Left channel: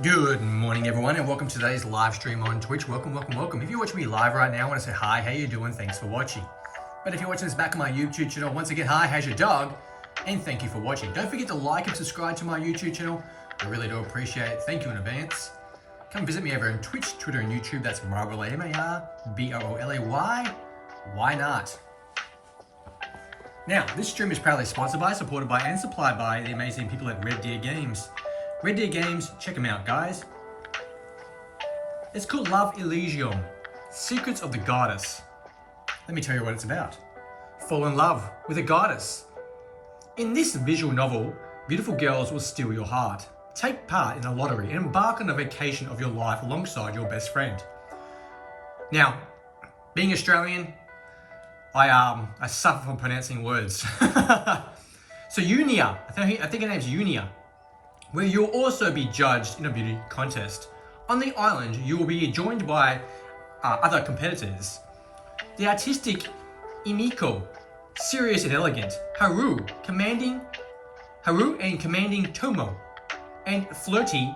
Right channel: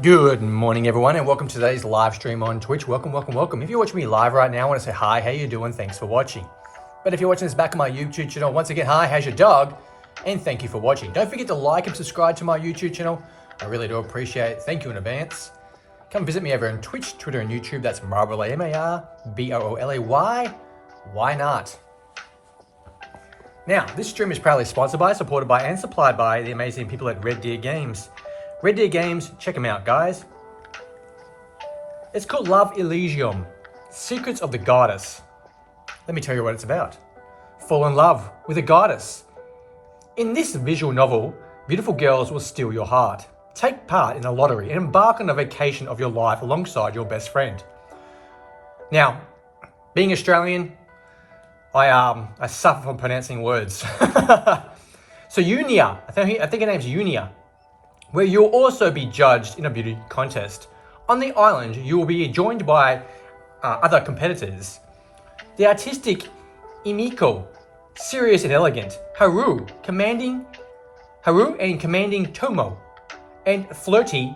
Good morning everyone and welcome to today's live stream on Twitch. Welcome. If you're watching me live right now, I want to say hi, how you doing? Thanks for watching. But if you're watching this back on my YouTube channel, once again, hi, how's your dog? And thank you for watching. Don't forget to like and subscribe to my YouTube channel. I really do appreciate it. Thank you in advance. Come visit me over on Twitch, Twitter, and YouTube. That's MARBROLAY, M-A-R-B-R-O-L-A-Y. Why not? Now, this stream is proudly sponsored by, supported by, and supplied by the amazing people at RedDeer Games. RedDeer Games, check them out, guys. It's called Elysium, Secrets of the Goddess. Let me tell you what it's about. Fall in love with a goddess. In this visual novel, beautiful girls will steal your heart. Take part in a lottery and embark on a vacation of your life alongside your best friend. Now, being Australian, I suffer from pronouncing words. So Unia, I think her name's Unia, where you'll also be judged in a beauty contest. On the island, you will be joined by other competitors. The artistic Imiko, serious and elegant, Haru and commanding Tomo, and flirty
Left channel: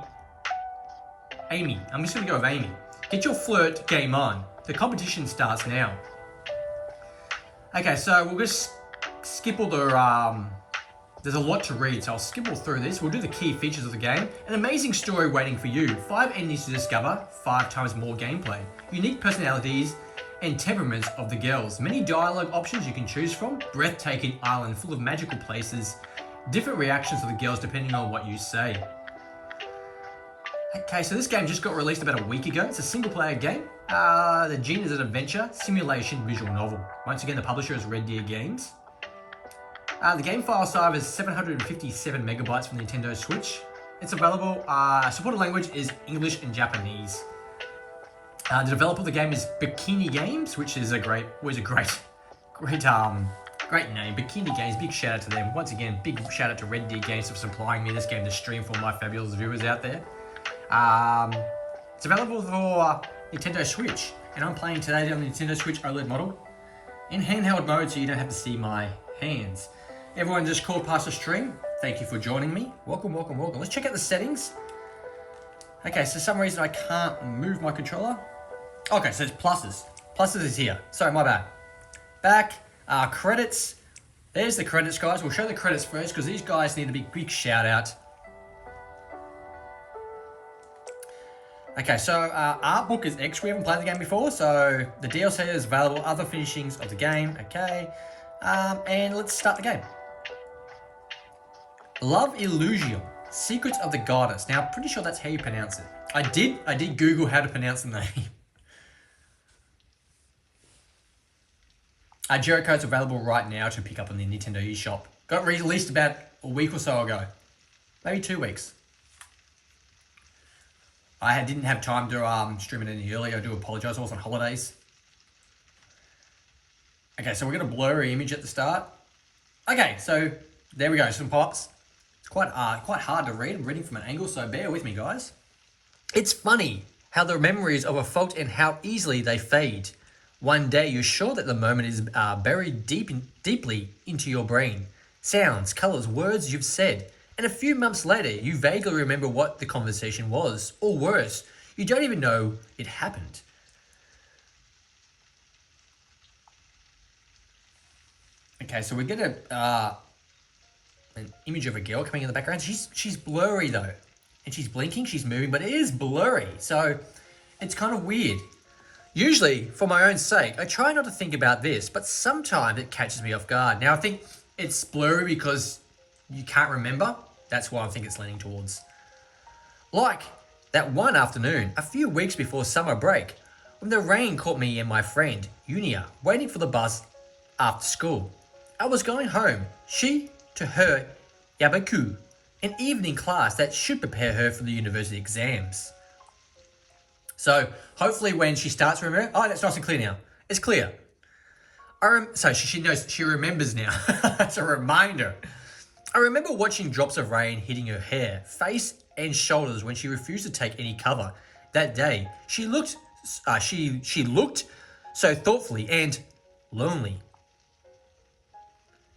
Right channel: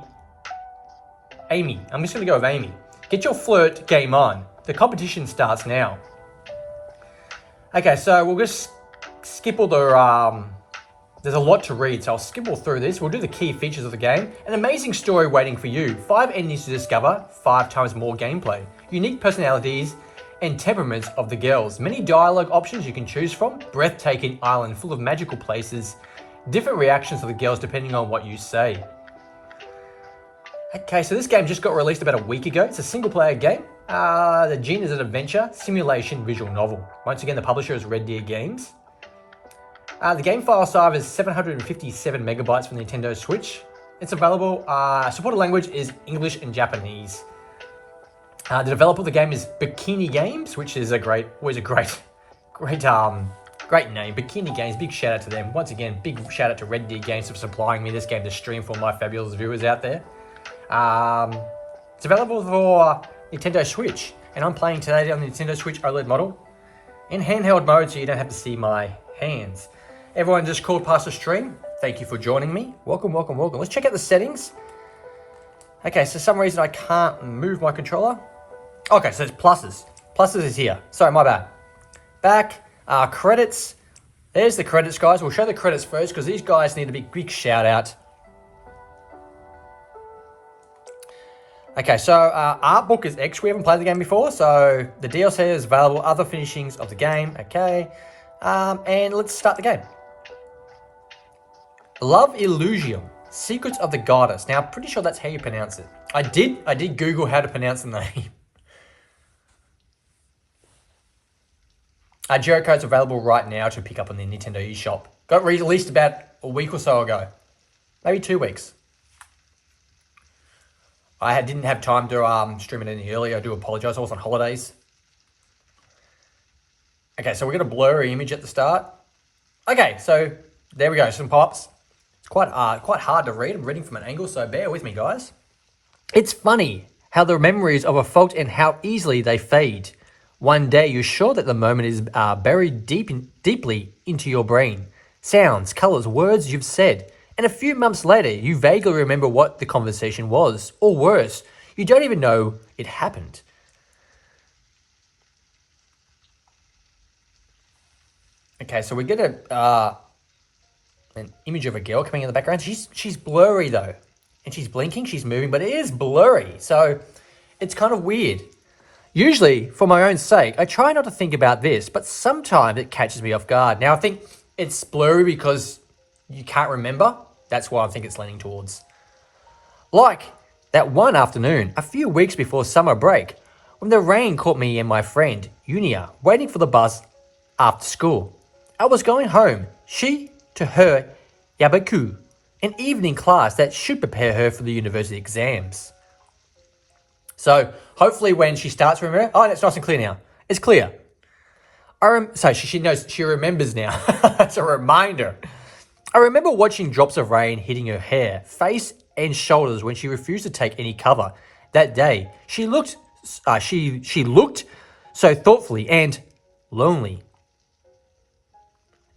Amy. I'm just gonna go with Amy. Get your flirt game on. The competition starts now. Okay, so we'll just skip all the, there's a lot to read, so I'll skip all through this. We'll do the key features of the game. An amazing story waiting for you. 5 endings to discover, 5 times more gameplay. Unique personalities and temperaments of the girls. Many dialogue options you can choose from. Breathtaking island full of magical places. Different reactions of the girls depending on what you say. Okay, so this game just got released about a week ago. It's a single player game. The genre is an adventure, simulation, visual novel. Once again, the publisher is RedDeer Games. The game file size is 757 megabytes for Nintendo Switch. It's available, supported language is English and Japanese. The developer of the game is Bikini Games, which is great name. Bikini Games, big shout out to them. Once again, big shout out to RedDeer Games for supplying me this game to stream for my fabulous viewers out there. It's available for Nintendo Switch, and I'm playing today on the Nintendo Switch OLED model in handheld mode, so you don't have to see my hands. Everyone just called past the stream. Thank you for joining me. Welcome. Let's check out the settings. Okay, so for some reason I can't move my controller. Okay, so it's pluses. Pluses is here. Sorry, my bad. Back, credits. There's the credits, guys. We'll show the credits first because these guys need a big shout out. Okay, so art book is X. We haven't played the game before, so the DLC is available. Other finishings of the game. Okay, and let's start the game. Elysium, Secrets of the Goddess. Now, I'm pretty sure that's how you pronounce it. I did Google how to pronounce the name. Geocode's available right now to pick up on the Nintendo eShop. Got released about a week or so ago. Maybe 2 weeks. I didn't have time to stream it any earlier. I do apologize. I was on holidays. Okay, so we got a blurry image at the start. Okay, so there we go. Some pops. It's quite hard to read. I'm reading from an angle, so bear with me, guys. It's funny how the memories of a fault and how easily they fade. One day you're sure that the moment is buried deeply into your brain. Sounds, colors, words you've said. And a few months later, you vaguely remember what the conversation was. Or worse, you don't even know it happened. Okay, so we get an image of a girl coming in the background. She's blurry though. And she's blinking, she's moving, but it is blurry. So it's kind of weird. Usually, for my own sake, I try not to think about this, but sometimes it catches me off guard. Now, I think it's blurry because you can't remember. That's what I think it's leaning towards. Like that one afternoon, a few weeks before summer break, when the rain caught me and my friend, Unia, waiting for the bus after school. I was going home, she to her yabaku, an evening class that should prepare her for the university exams. So hopefully when she starts to remember, oh, it's nice and clear now. It's clear. So she knows, she remembers now. It's a reminder. I remember watching drops of rain hitting her hair, face and shoulders when she refused to take any cover. That day, she looked so thoughtfully and lonely.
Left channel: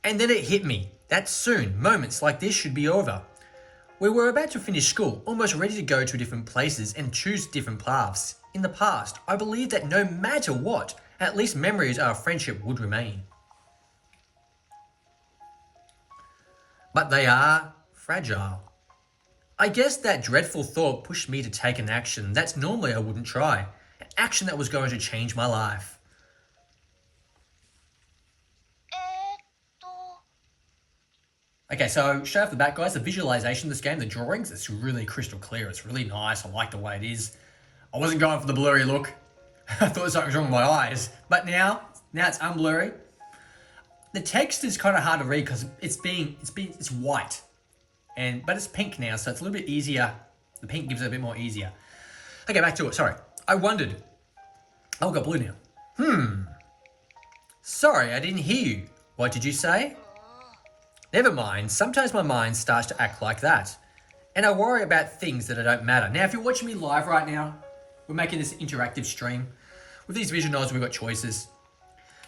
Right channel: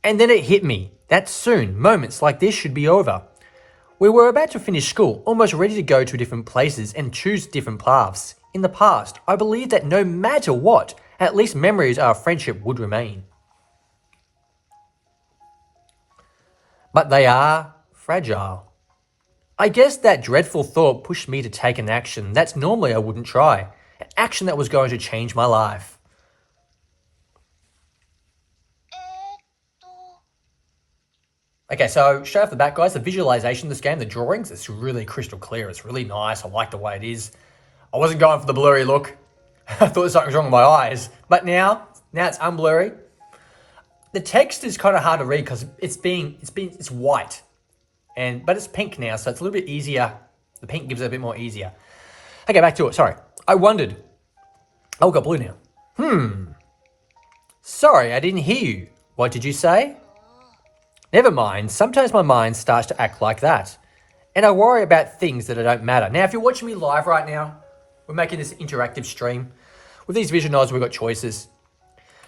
And then it hit me that soon moments like this should be over. We were about to finish school, almost ready to go to different places and choose different paths. In the past, I believed that no matter what, at least memories of our friendship would remain. But they are fragile. I guess that dreadful thought pushed me to take an action that normally I wouldn't try. An action that was going to change my life. Okay, so straight off the bat, guys, the visualization of this game, the drawings, it's really crystal clear. It's really nice. I like the way it is. I wasn't going for the blurry look. I thought something was wrong with my eyes. But now it's unblurry. The text is kind of hard to read because it's white. But it's pink now, so it's a little bit easier. The pink gives it a bit more easier. Okay, back to it. Sorry. I wondered. Oh, we got blue now. Sorry, I didn't hear you. What did you say? Never mind. Sometimes my mind starts to act like that. And I worry about things that don't matter. Now, if you're watching me live right now, we're making this interactive stream. With these visual novels, we've got choices.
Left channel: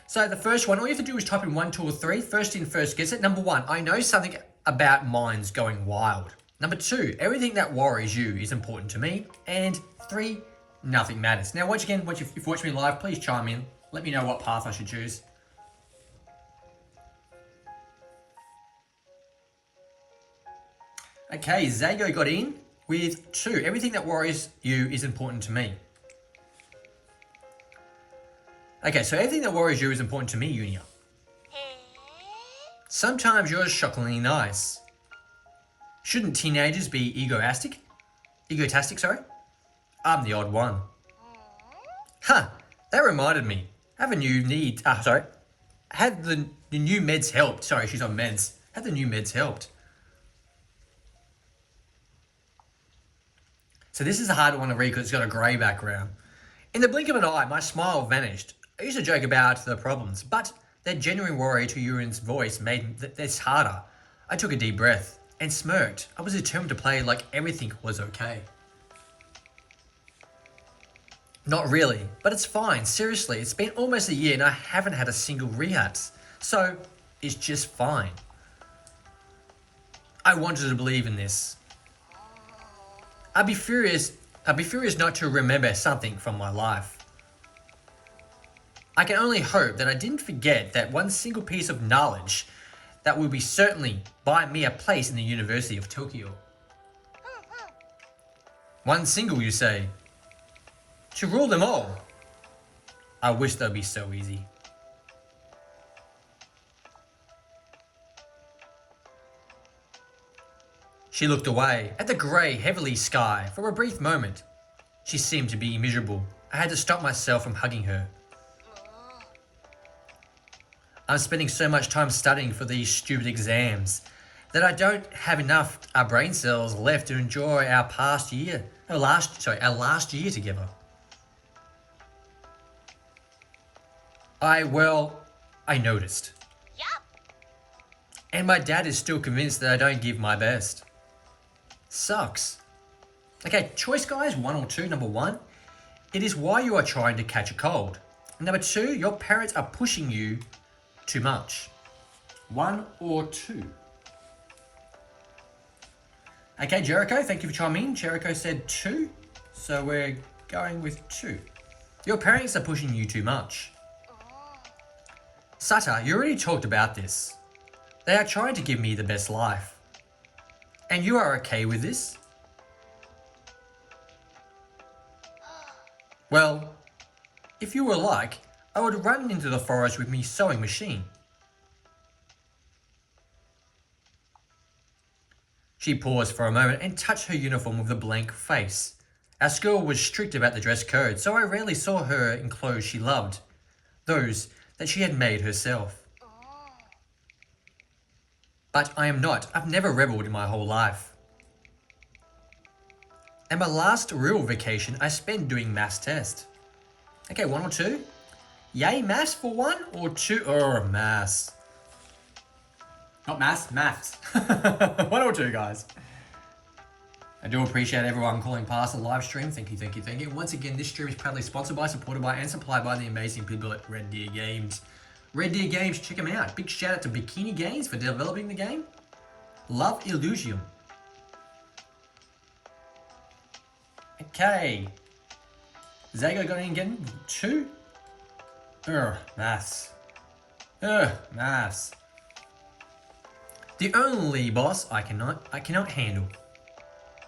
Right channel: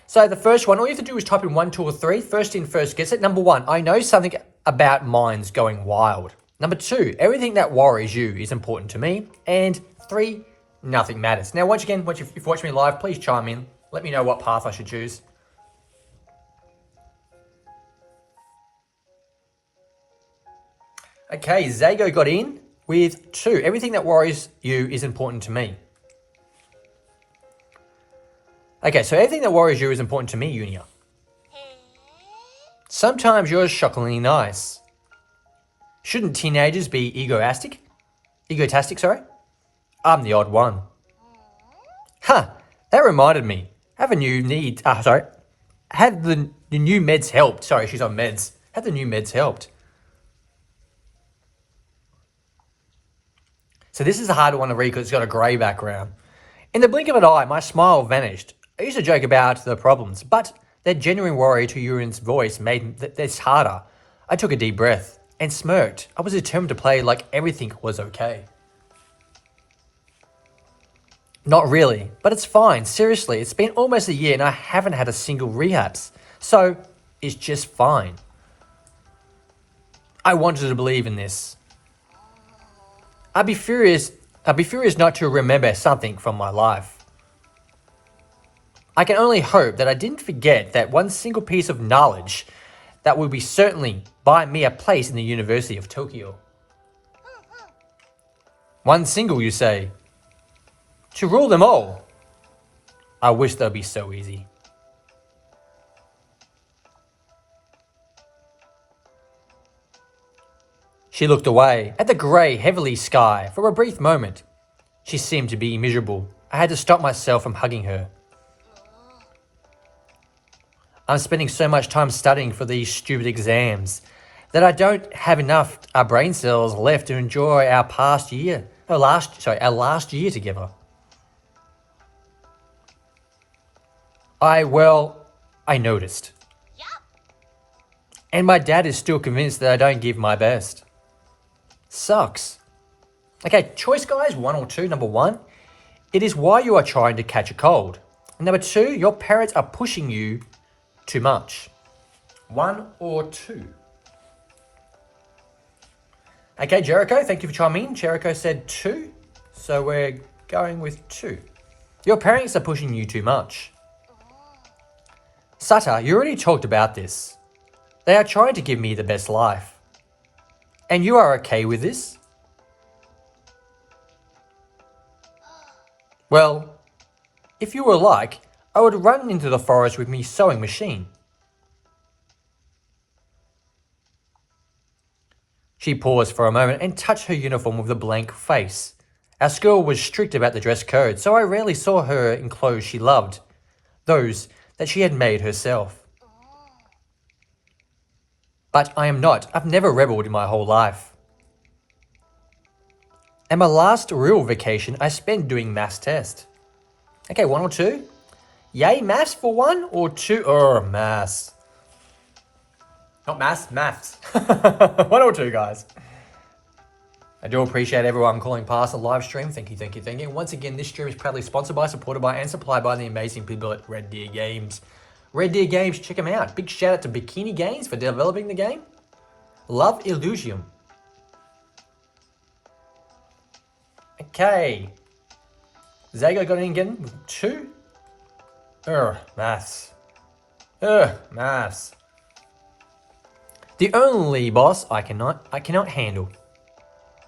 So the first one, all you have to do is type in 1, 2, or 3. First in, first gets it. Number 1, I know something about minds going wild. Number 2, everything that worries you is important to me. And 3, nothing matters. Now, once again, if you watch me live, please chime in. Let me know what path I should choose. Okay, Zago got in with 2. Everything that worries you is important to me. Okay, so everything that worries you is important to me, Unia. Sometimes you're shockingly nice. Shouldn't teenagers be egotastic? Sorry? I'm the odd one. Huh, that reminded me. Have the new meds helped? Sorry, she's on meds. Have the new meds helped? So this is a harder one to read because it's got a grey background. In the blink of an eye, my smile vanished. I used to joke about the problems, but that genuine worry to Yurin's voice made this harder. I took a deep breath and smirked. I was determined to play like everything was okay. Not really, but it's fine. Seriously, it's been almost a year and I haven't had a single relapse. So, it's just fine. I wanted to believe in this. I'd be furious not to remember something from my life. I can only hope that I didn't forget that one single piece of knowledge that would be certainly buy me a place in the University of Tokyo. One single, you say? To rule them all. I wish that'd be so easy. She looked away at the grey, heavily sky for a brief moment. She seemed to be miserable. I had to stop myself from hugging her. I'm spending so much time studying for these stupid exams that I don't have enough brain cells left to enjoy our last year together. I noticed. Yep. And my dad is still convinced that I don't give my best. Sucks. Okay, choice guys, 1 or 2. Number 1, it is why you are trying to catch a cold. And number 2, your parents are pushing you too much. 1 or 2. Okay, Jericho, thank you for chiming in. Jericho said 2, so we're going with 2. Your parents are pushing you too much. Sata, you already talked about this. They are trying to give me the best life. And you are okay with this? Well, if you were like, I would run into the forest with my sewing machine. She paused for a moment and touched her uniform with a blank face. Our school was strict about the dress code, so I rarely saw her in clothes she loved, those that she had made herself. But I am not. I've never rebelled in my whole life. And my last real vacation I spent doing maths test. Okay, 1 or 2? Yay, maths for 1 or 2? Maths. Not maths, maths. 1 or 2, guys. I do appreciate everyone calling past the live stream. Thank you, thank you, thank you. Once again, this stream is proudly sponsored by, supported by, and supplied by the amazing people at RedDeer Games. RedDeer Games, check them out. Big shout out to Bikini Games for developing the game. Love Elysium. Okay. Zago got in again with 2. Maths. Maths. The only boss I cannot handle.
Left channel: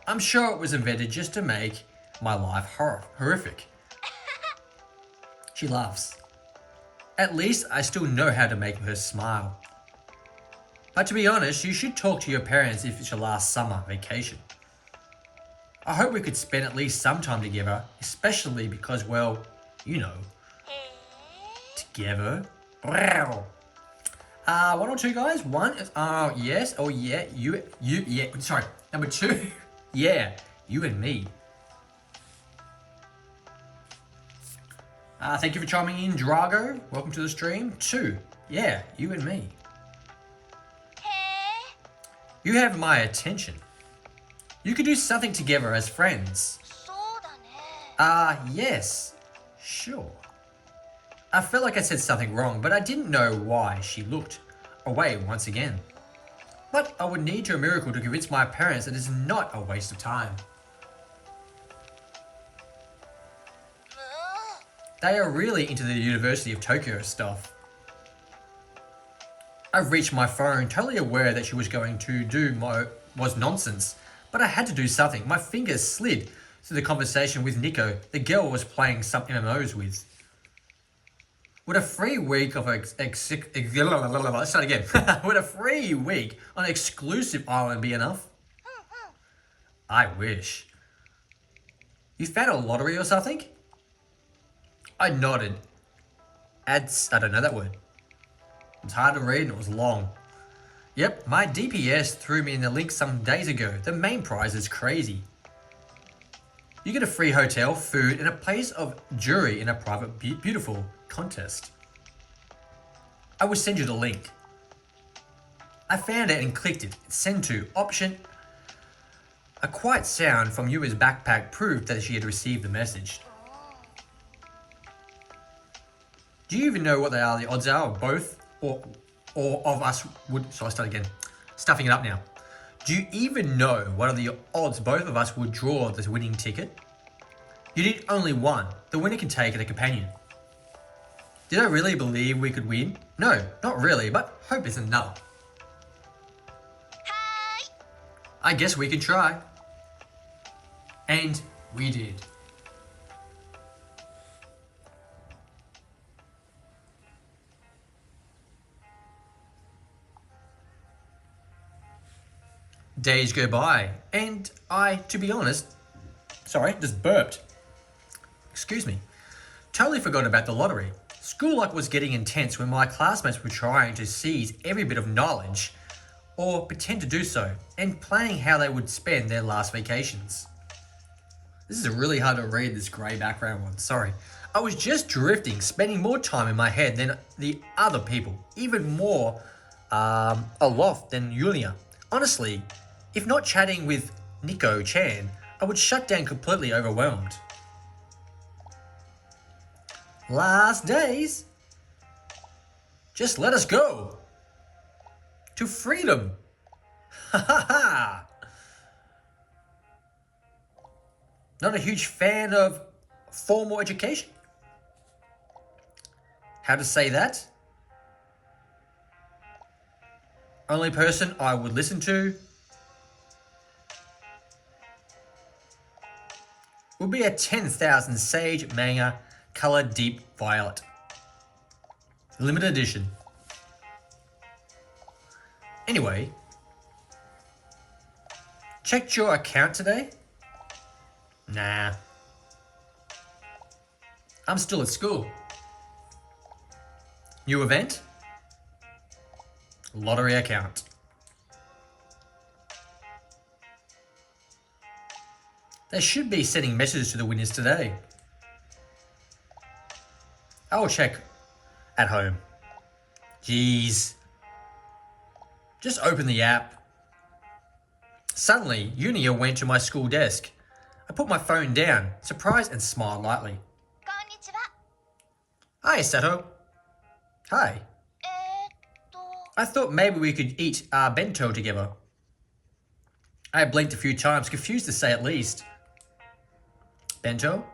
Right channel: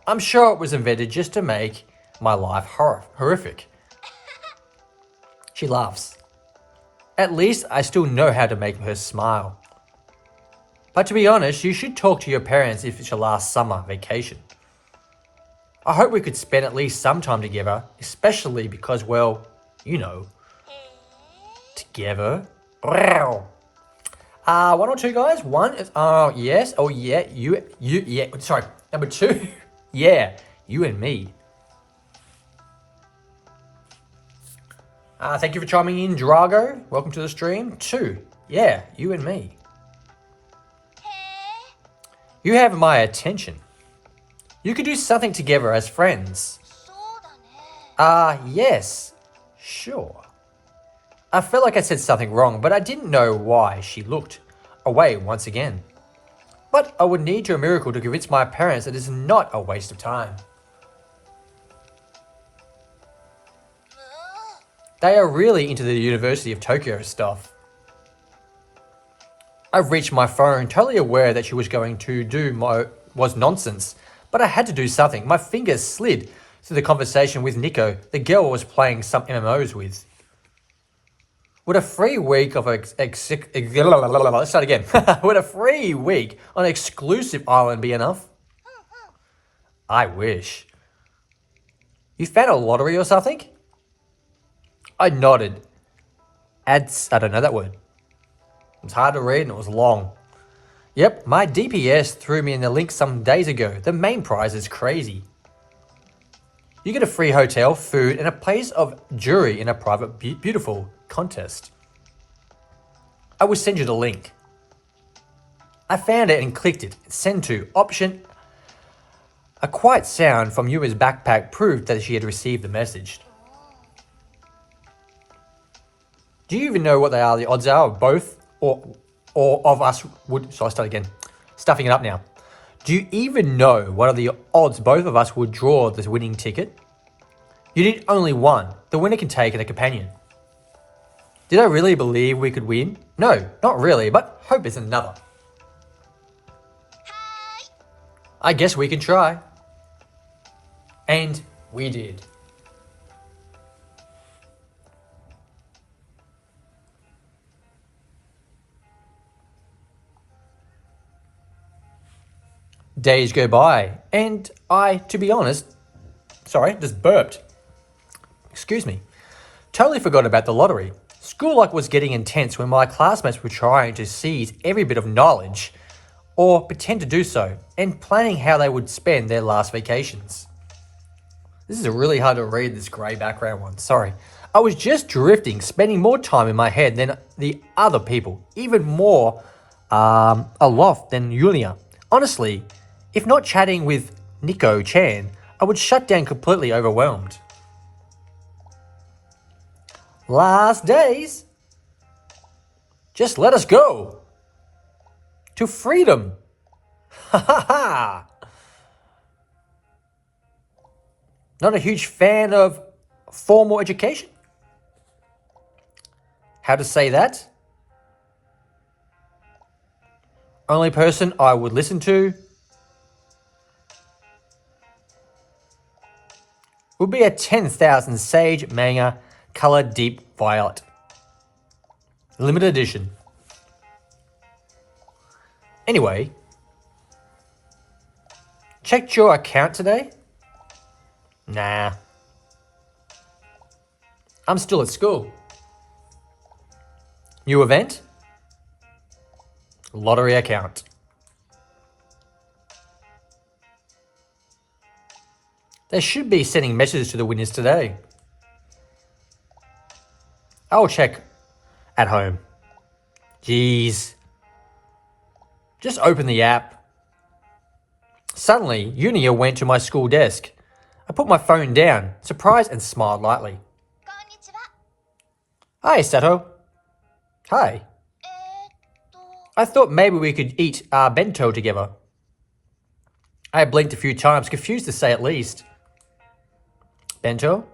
I'm sure it was invented just to make my life horrific. She laughs. At least I still know how to make her smile. But to be honest, you should talk to your parents if it's your last summer vacation. I hope we could spend at least some time together, especially because, well, you know, together. 1 or 2 guys. 1 is, yes, oh yeah, you, yeah, sorry. Number 2, yeah, you and me. Thank you for chiming in, Drago. Welcome to the stream. 2, yeah, you and me. You have my attention. You could do something together as friends. Yes, sure. I felt like I said something wrong, but I didn't know why she looked away once again. But I would need a miracle to convince my parents that it is not a waste of time. They are really into the University of Tokyo stuff. I reached my phone, totally aware that she was going to do was nonsense, but I had to do something. My fingers slid through the conversation with Nico, the girl I was playing some MMOs with. Would a free week of let's start again. Would a free week on an exclusive island be enough? I wish. You found a lottery or something? I nodded. I don't know that word. It was hard to read and it was long. Yep, my DPS threw me in the link some days ago. The main prize is crazy. You get a free hotel, food, and a place of jury in a private, beautiful contest. I will send you the link. I found it and clicked it. Send to option. A quiet sound from Yua's backpack proved that she had received the message. Do you even know what they are? The odds are of both or of us would... So I start again. Stuffing it up now. Do you even know what are the odds both of us would draw this winning ticket? You need only one. The winner can take a companion. Did I really believe we could win? No, not really, but hope is another. Hi. I guess we can try. And we did. Days go by, and I, to be honest, just burped. Excuse me. Totally forgot about the lottery. School life was getting intense when my classmates were trying to seize every bit of knowledge, or pretend to do so, and planning how they would spend their last vacations. This is really hard to read, this grey background one, sorry. I was just drifting, spending more time in my head than the other people, even more aloft than Yulia. Honestly, if not chatting with Nico-chan, I would shut down completely overwhelmed. Last days. Just let us go. To freedom. Ha ha ha. Not a huge fan of formal education. How to say that? Only person I would listen to would be a 10,000 Sage Manga Color Deep Violet. Limited edition. Anyway, checked your account today? Nah. I'm still at school. New event? Lottery account. They should be sending messages to the winners today. I'll check at home. Jeez. Just open the app. Suddenly, Unia went to my school desk. I put my phone down, surprised and smiled lightly. Konnichiwa. Hi, Sato. Hi. I thought maybe we could eat our bento together. I blinked a few times, confused to say at least. Bento?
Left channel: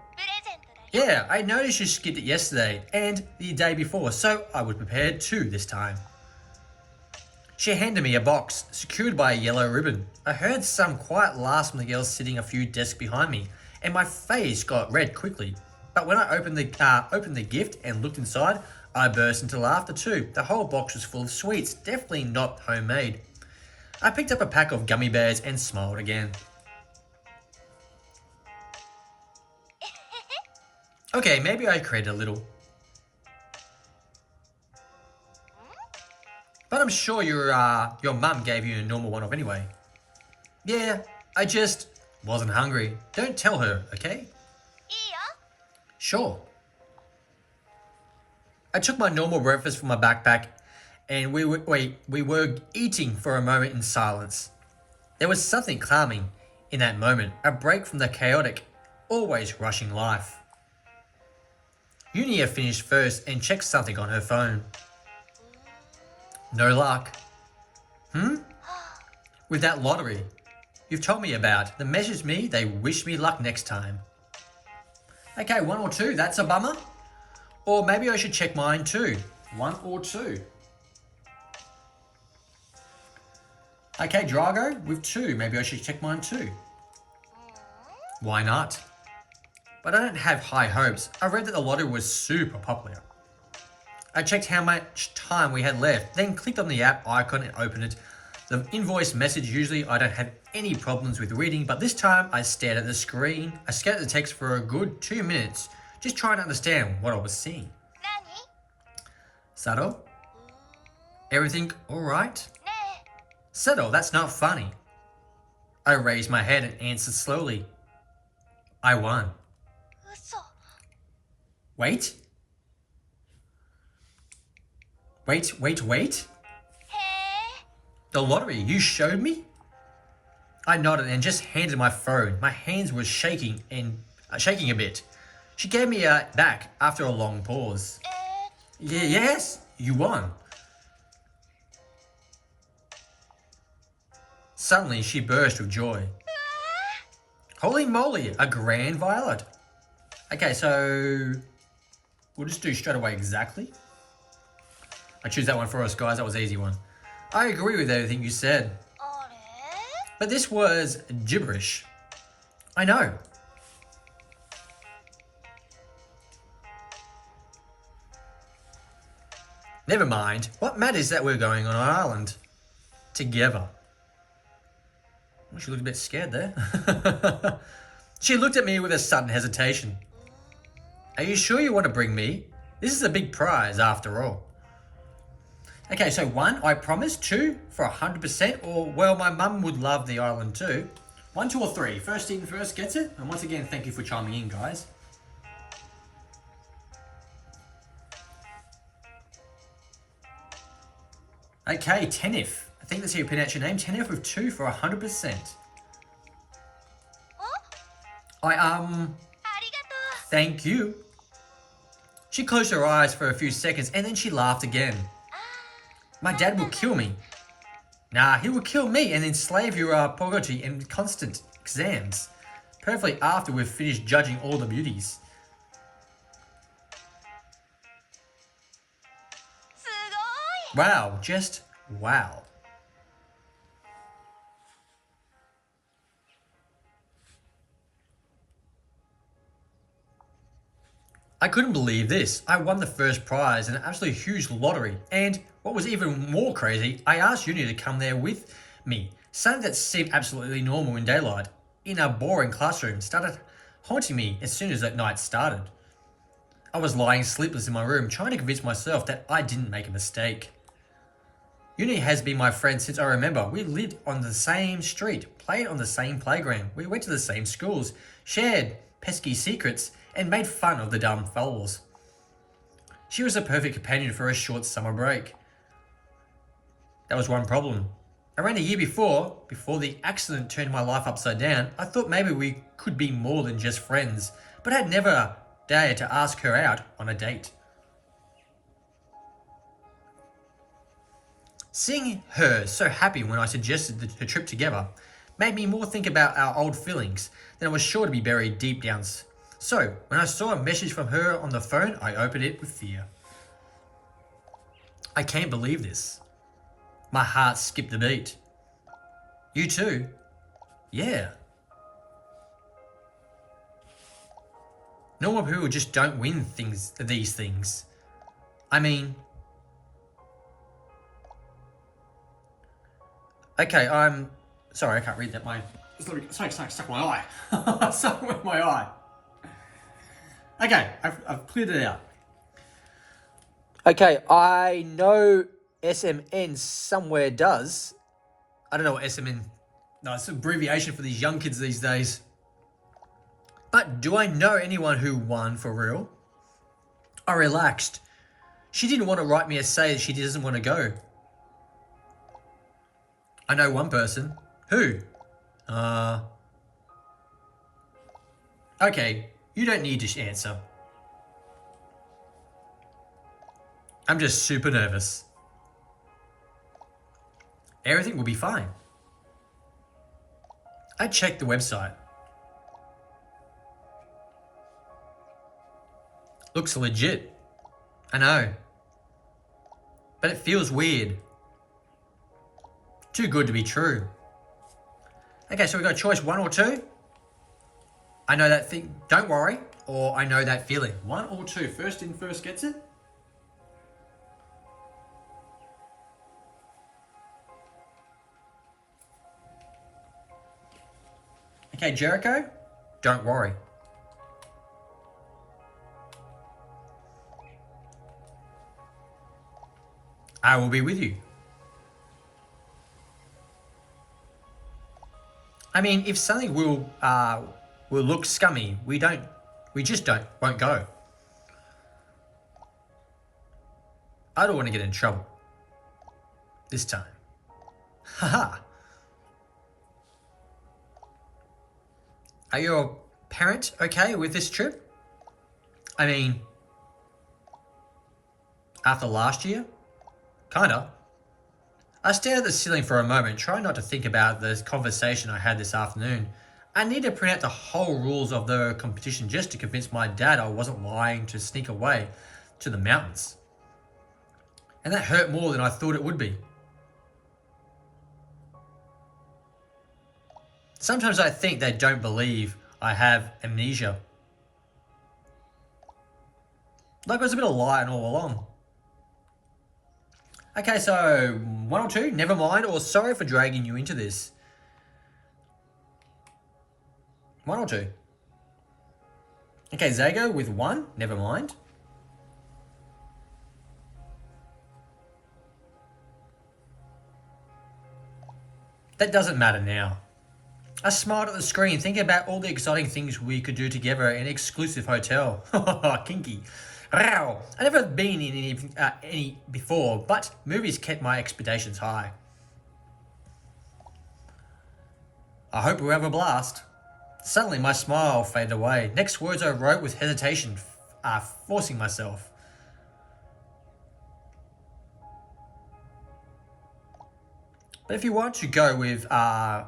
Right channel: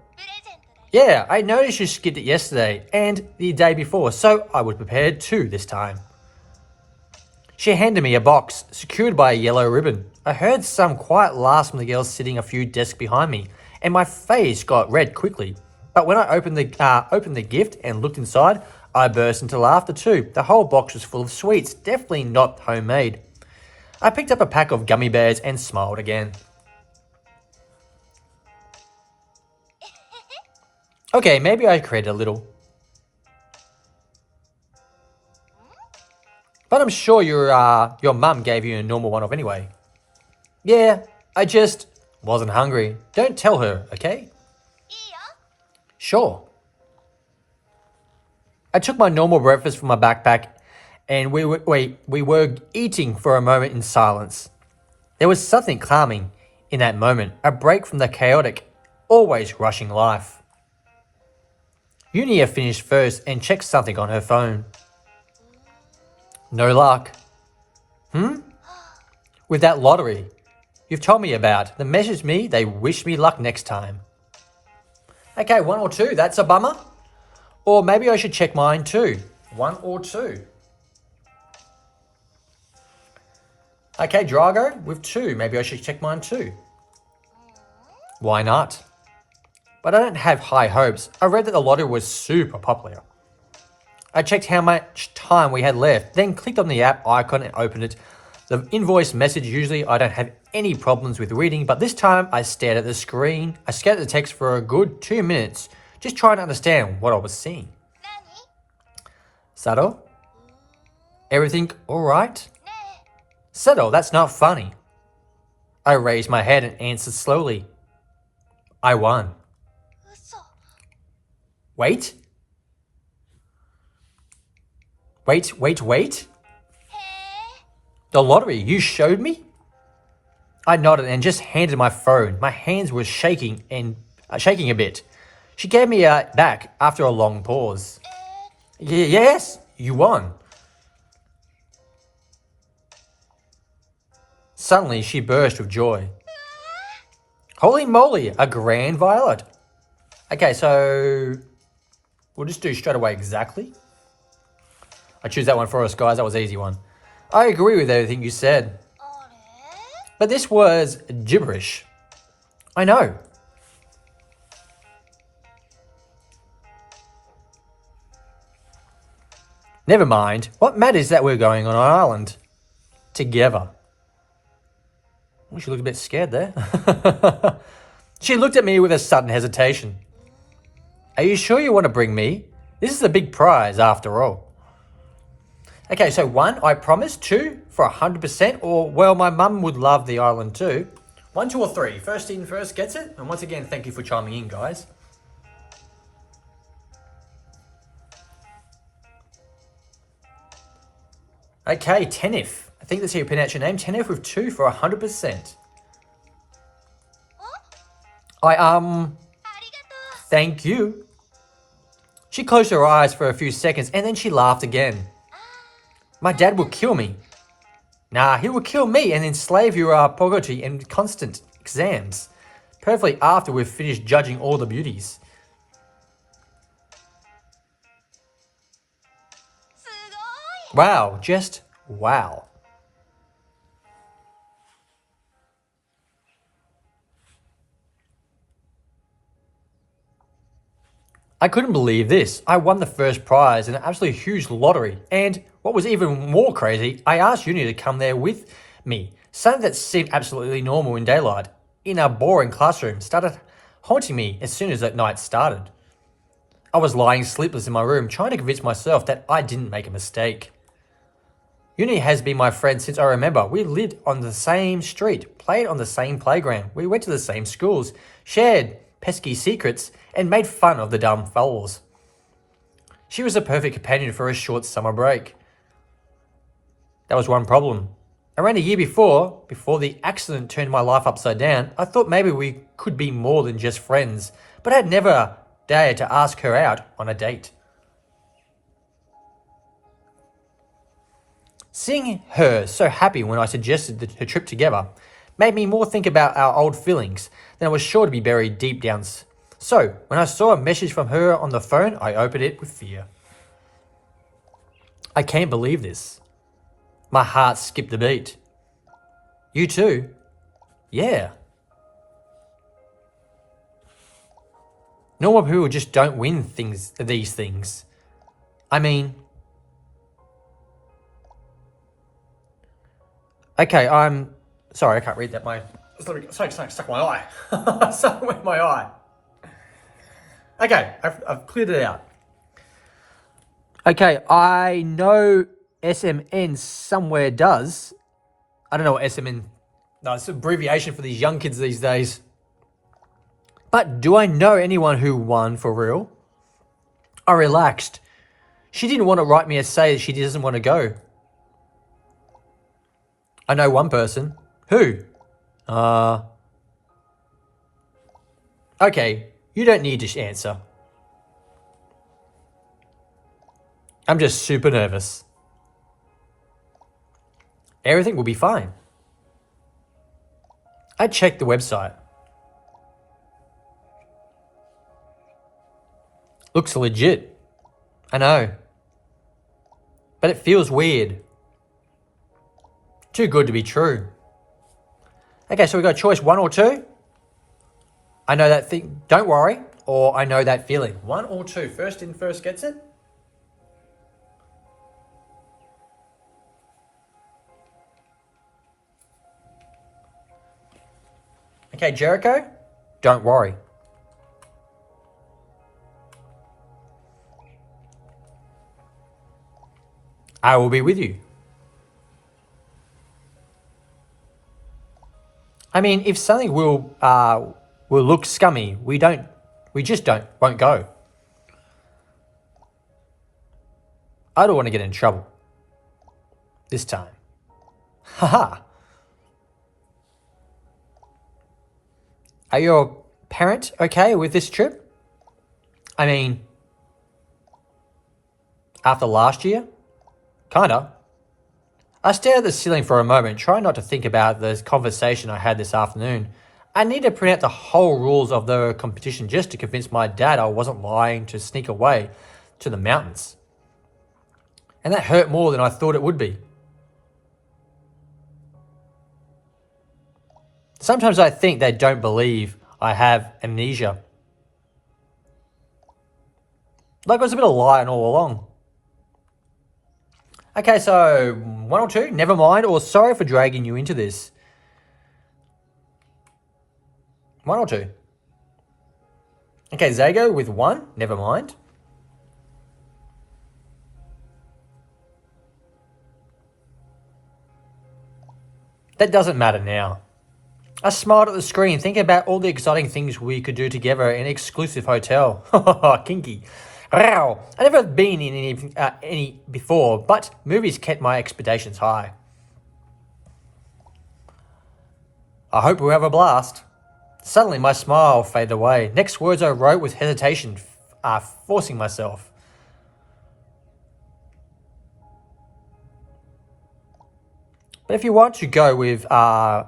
Yeah, I noticed you skipped it yesterday and the day before, so I was prepared too this time. She handed me a box, secured by a yellow ribbon. I heard some quiet laughs from the girls sitting a few desks behind me, and my face got red quickly. But when I opened the gift and looked inside, I burst into laughter too. The whole box was full of sweets, definitely not homemade. I picked up a pack of gummy bears and smiled again. Okay, maybe I created a little. But I'm sure your mum gave you a normal one-off anyway. Yeah, I just wasn't hungry. Don't tell her, okay? Sure. I took my normal breakfast from my backpack and we were eating for a moment in silence. There was something calming in that moment, a break from the chaotic, always rushing life. Unia finished first and checked something on her phone. No luck. With that lottery you've told me about, they messaged me, they wish me luck next time. Okay, 1 or 2, that's a bummer. Or maybe I should check mine too. 1 or 2. Okay, Drago, with 2, maybe I should check mine too. Why not? But I don't have high hopes. I read that the lottery was super popular. I checked how much time we had left, then clicked on the app icon and opened it. The invoice message, usually I don't have any problems with reading, but this time I stared at the screen. I scanned the text for a good 2 minutes, just trying to understand what I was seeing. Sato? Everything alright? Sato, that's not funny. I raised my head and answered slowly. I won. Wait? Wait? The lottery, you showed me? I nodded and just handed my phone. My hands were shaking a bit. She gave me it back after a long pause. Yes, you won. Suddenly, she burst with joy. Holy moly, a grand violet. Okay, so we'll just do straight away exactly. I choose that one for us, guys. That was an easy one. I agree with everything you said. But this was gibberish. I know. Never mind. What matters is that we're going on an island. Together. Oh, she looked a bit scared there. She looked at me with a sudden hesitation. Are you sure you want to bring me? This is a big prize after all. Okay, so 1, I promise. 2, for 100%, or, well, my mum would love the island too. 1, 2, or 3. First in first gets it. And once again, thank you for chiming in, guys. Okay, Tenif. I think that's how you pronounce your name. Tenif with 2 for 100%. Thank you. She closed her eyes for a few seconds and then she laughed again. My dad will kill me. Nah, he will kill me and enslave your poverty and constant exams. Perfectly after we've finished judging all the beauties. Wow, just wow. I couldn't believe this. I won the first prize in an absolutely huge lottery. And what was even more crazy, I asked Uni to come there with me. Something that seemed absolutely normal in daylight, in a boring classroom, started haunting me as soon as that night started. I was lying sleepless in my room, trying to convince myself that I didn't make a mistake. Uni has been my friend since I remember. We lived on the same street, played on the same playground, we went to the same schools, shared pesky secrets, and made fun of the dumb fools. She was a perfect companion for a short summer break. That was one problem. Around a year before the accident turned my life upside down, I thought maybe we could be more than just friends, but I had never dared to ask her out on a date. Seeing her so happy when I suggested the trip together made me more think about our old feelings than I was sure to be buried deep down So, when I saw a message from her on the phone, I opened it with fear. I can't believe this. My heart skipped a beat. You too? Yeah. Normal people just don't win these things. I mean... Okay, I'm... Sorry, I can't read that. Something stuck my eye. Something with my eye. Okay, I've cleared it out. Okay, I know SMN somewhere does. I don't know what SMN... No, it's an abbreviation for these young kids these days. But do I know anyone who won for real? I relaxed. She didn't want to write me a say that she doesn't want to go. I know one person. Who? Okay, you don't need to answer. I'm just super nervous. Everything will be fine. I checked the website. Looks legit. I know. But it feels weird. Too good to be true. Okay, so we got choice 1 or 2. I know that thing, don't worry, or I know that feeling. 1 or 2, first in, first gets it. Okay, Jericho, don't worry. I will be with you. I mean, if something will look scummy, we just won't go. I don't want to get in trouble. This time. Haha. Are your parents okay with this trip? I mean, after last year? Kinda. I stared at the ceiling for a moment, trying not to think about the conversation I had this afternoon. I need to print out the whole rules of the competition just to convince my dad I wasn't lying to sneak away to the mountains. And that hurt more than I thought it would be. Sometimes I think they don't believe I have amnesia. Like it was a bit of lying all along. Okay, so 1 or 2, never mind, or sorry for dragging you into this. 1 or 2. Okay, Zago with 1, never mind. That doesn't matter now. I smiled at the screen, thinking about all the exciting things we could do together in an exclusive hotel. Kinky. I've never been in any before, but movies kept my expectations high. I hope we have a blast. Suddenly my smile faded away. Next words I wrote with hesitation, forcing myself. But if you want to go with someone.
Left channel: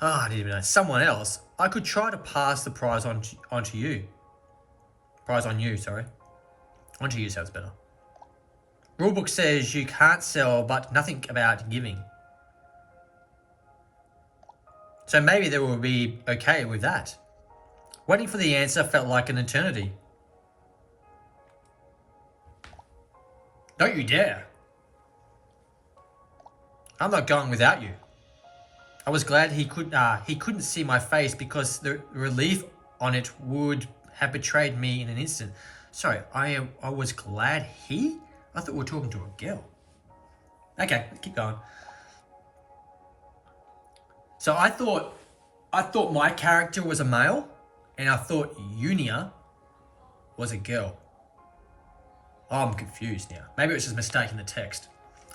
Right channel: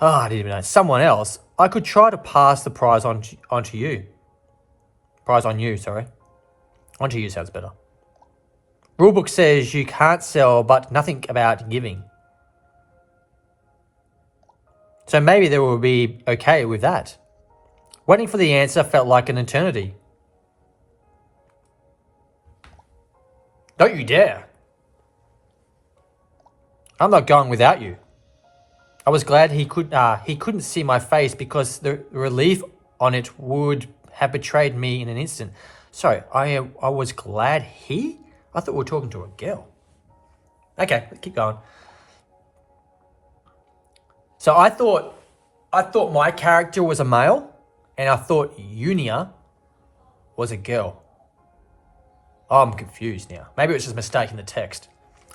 I didn't even know. Someone else. I could try to pass the prize onto you. Prize on you, sorry. Onto you sounds better. Rulebook says you can't sell, but nothing about giving. So maybe they will be okay with that. Waiting for the answer felt like an eternity. Don't you dare. I'm not going without you. I was glad he couldn't see my face because the relief on it would have betrayed me in an instant. Sorry, I was glad he? I thought we were talking to a girl. Okay, let's keep going. So I thought my character was a male, and I thought Unia was a girl. Oh, I'm confused now. Maybe it was just a mistake in the text.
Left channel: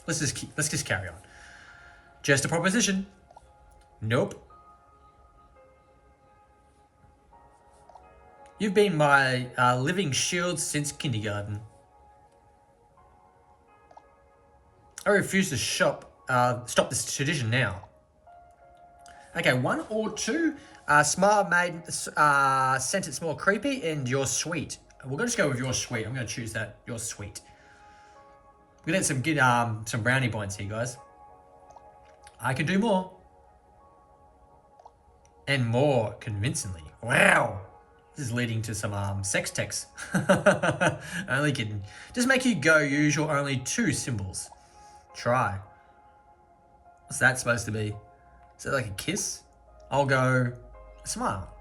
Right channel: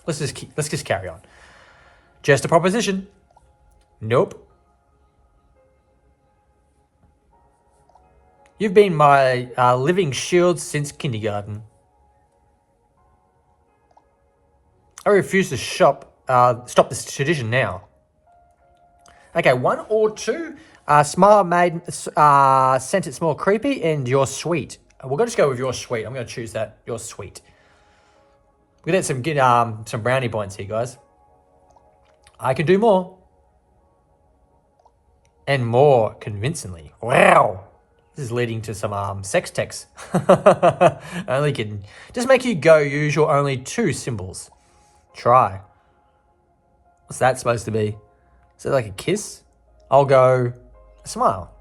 Let's just carry on. Just a proposition. Nope. You've been my living shield since kindergarten. I refuse to stop this tradition now. Okay, 1 or 2. Smile made sent it's more creepy, and you're sweet. We're gonna just go with your sweet. I'm gonna choose that. You're sweet. We're gonna get some brownie points here, guys. I can do more. And more convincingly. Wow. This is leading to some sex texts. Only kidding. Just make you go use your only 2 symbols. Try. What's that supposed to be? Is it like a kiss? I'll go a smile.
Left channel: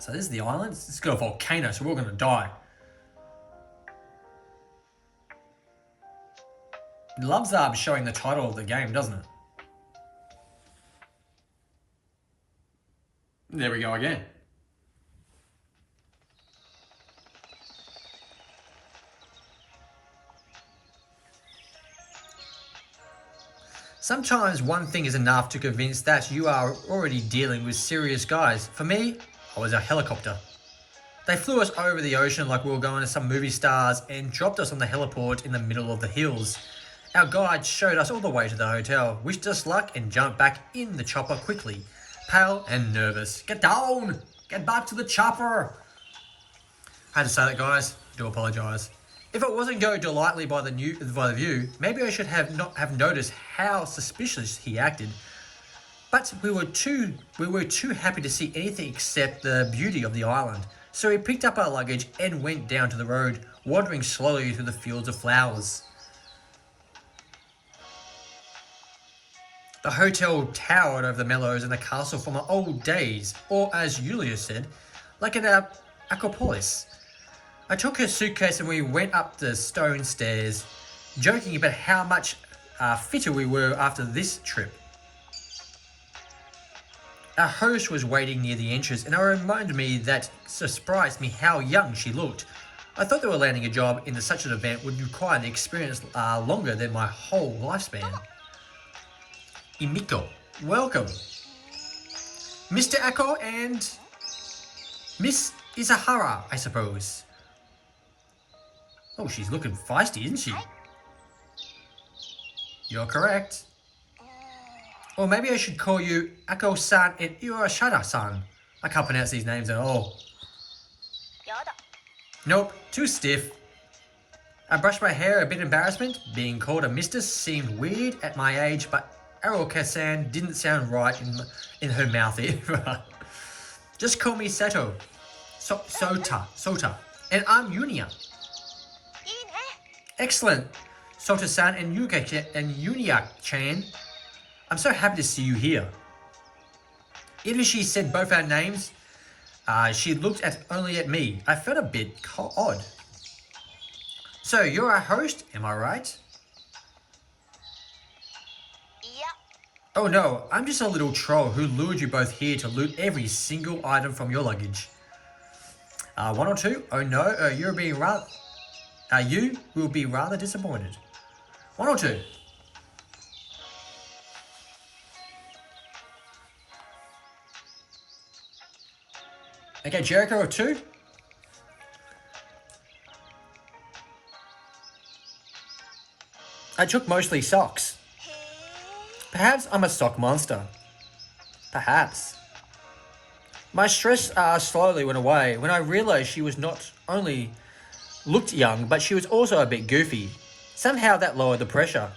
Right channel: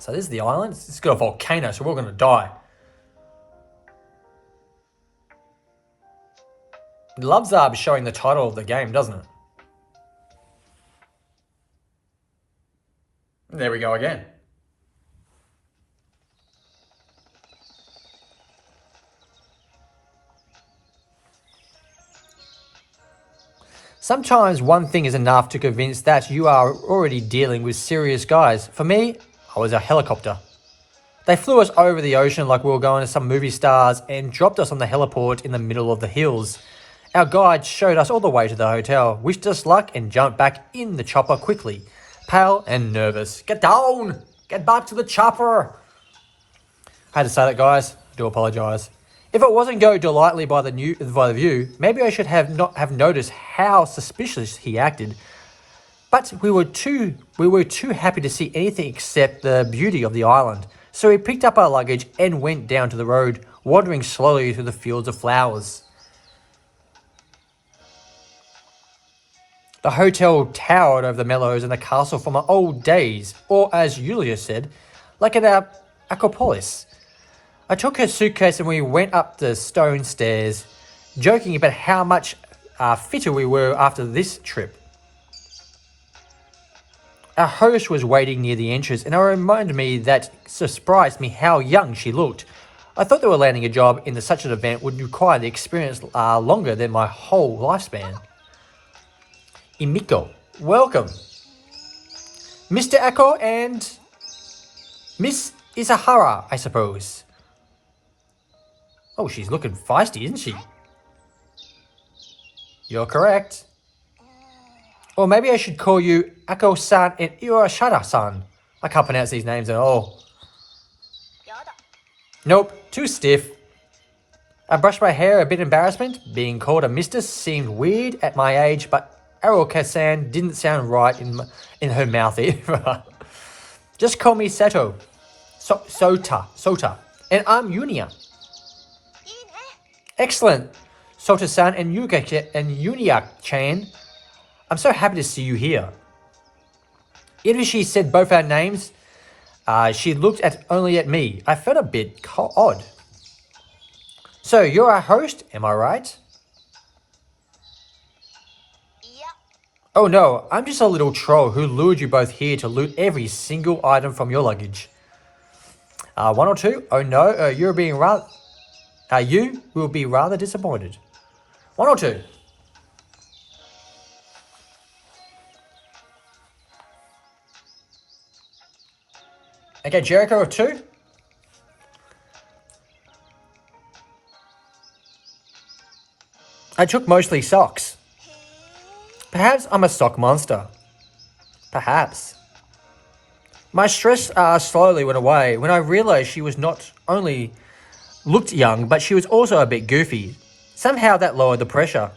So this is the island. It's got a volcano, so we're gonna die. It loves showing the title of the game, doesn't it? There we go again. Sometimes one thing is enough to convince that you are already dealing with serious guys. For me, I was a helicopter. They flew us over the ocean like we were going to some movie stars and dropped us on the heliport in the middle of the hills. Our guide showed us all the way to the hotel, wished us luck and jumped back in the chopper quickly, pale and nervous. Get down! Get back to the chopper! I had to say that, guys. I do apologise. If it wasn't going delightfully by the view, maybe I should have not have noticed how suspicious he acted. But we were too happy to see anything except the beauty of the island. So we picked up our luggage and went down to the road, wandering slowly through the fields of flowers. The hotel towered over the meadows and the castle from our old days, or as Julia said, like an Acropolis. I took her suitcase and we went up the stone stairs, joking about how much fitter we were after this trip. Our host was waiting near the entrance, and it reminded me that surprised me how young she looked. I thought they were landing a job in such an event would require the experience longer than my whole lifespan. Imiko, welcome. Mr. Ako and Miss Isahara, I suppose. Oh, she's looking feisty, isn't she? You're correct. Or maybe I should call you Ako-san and Iwashara-san. I can't pronounce these names at all. Nope, too stiff. I brushed my hair, a bit embarrassment. Being called a mistress seemed weird at my age, but Aruka-san didn't sound right in her mouth either. Just call me Sato. Sota. And I'm Yunia. Excellent. Sota-san and Yunia-chan. I'm so happy to see you here. Even she said both our names, she looked only at me. I felt a bit odd. So, you're our host, am I right? Oh no, I'm just a little troll who lured you both here to loot every single item from your luggage. 1 or 2? Oh no, you will be rather disappointed. 1 or 2? Okay, Jericho of 2. I took mostly socks. Perhaps I'm a sock monster. Perhaps. My stress slowly went away when I realised she was not only looked young, but she was also a bit goofy. Somehow that lowered the pressure.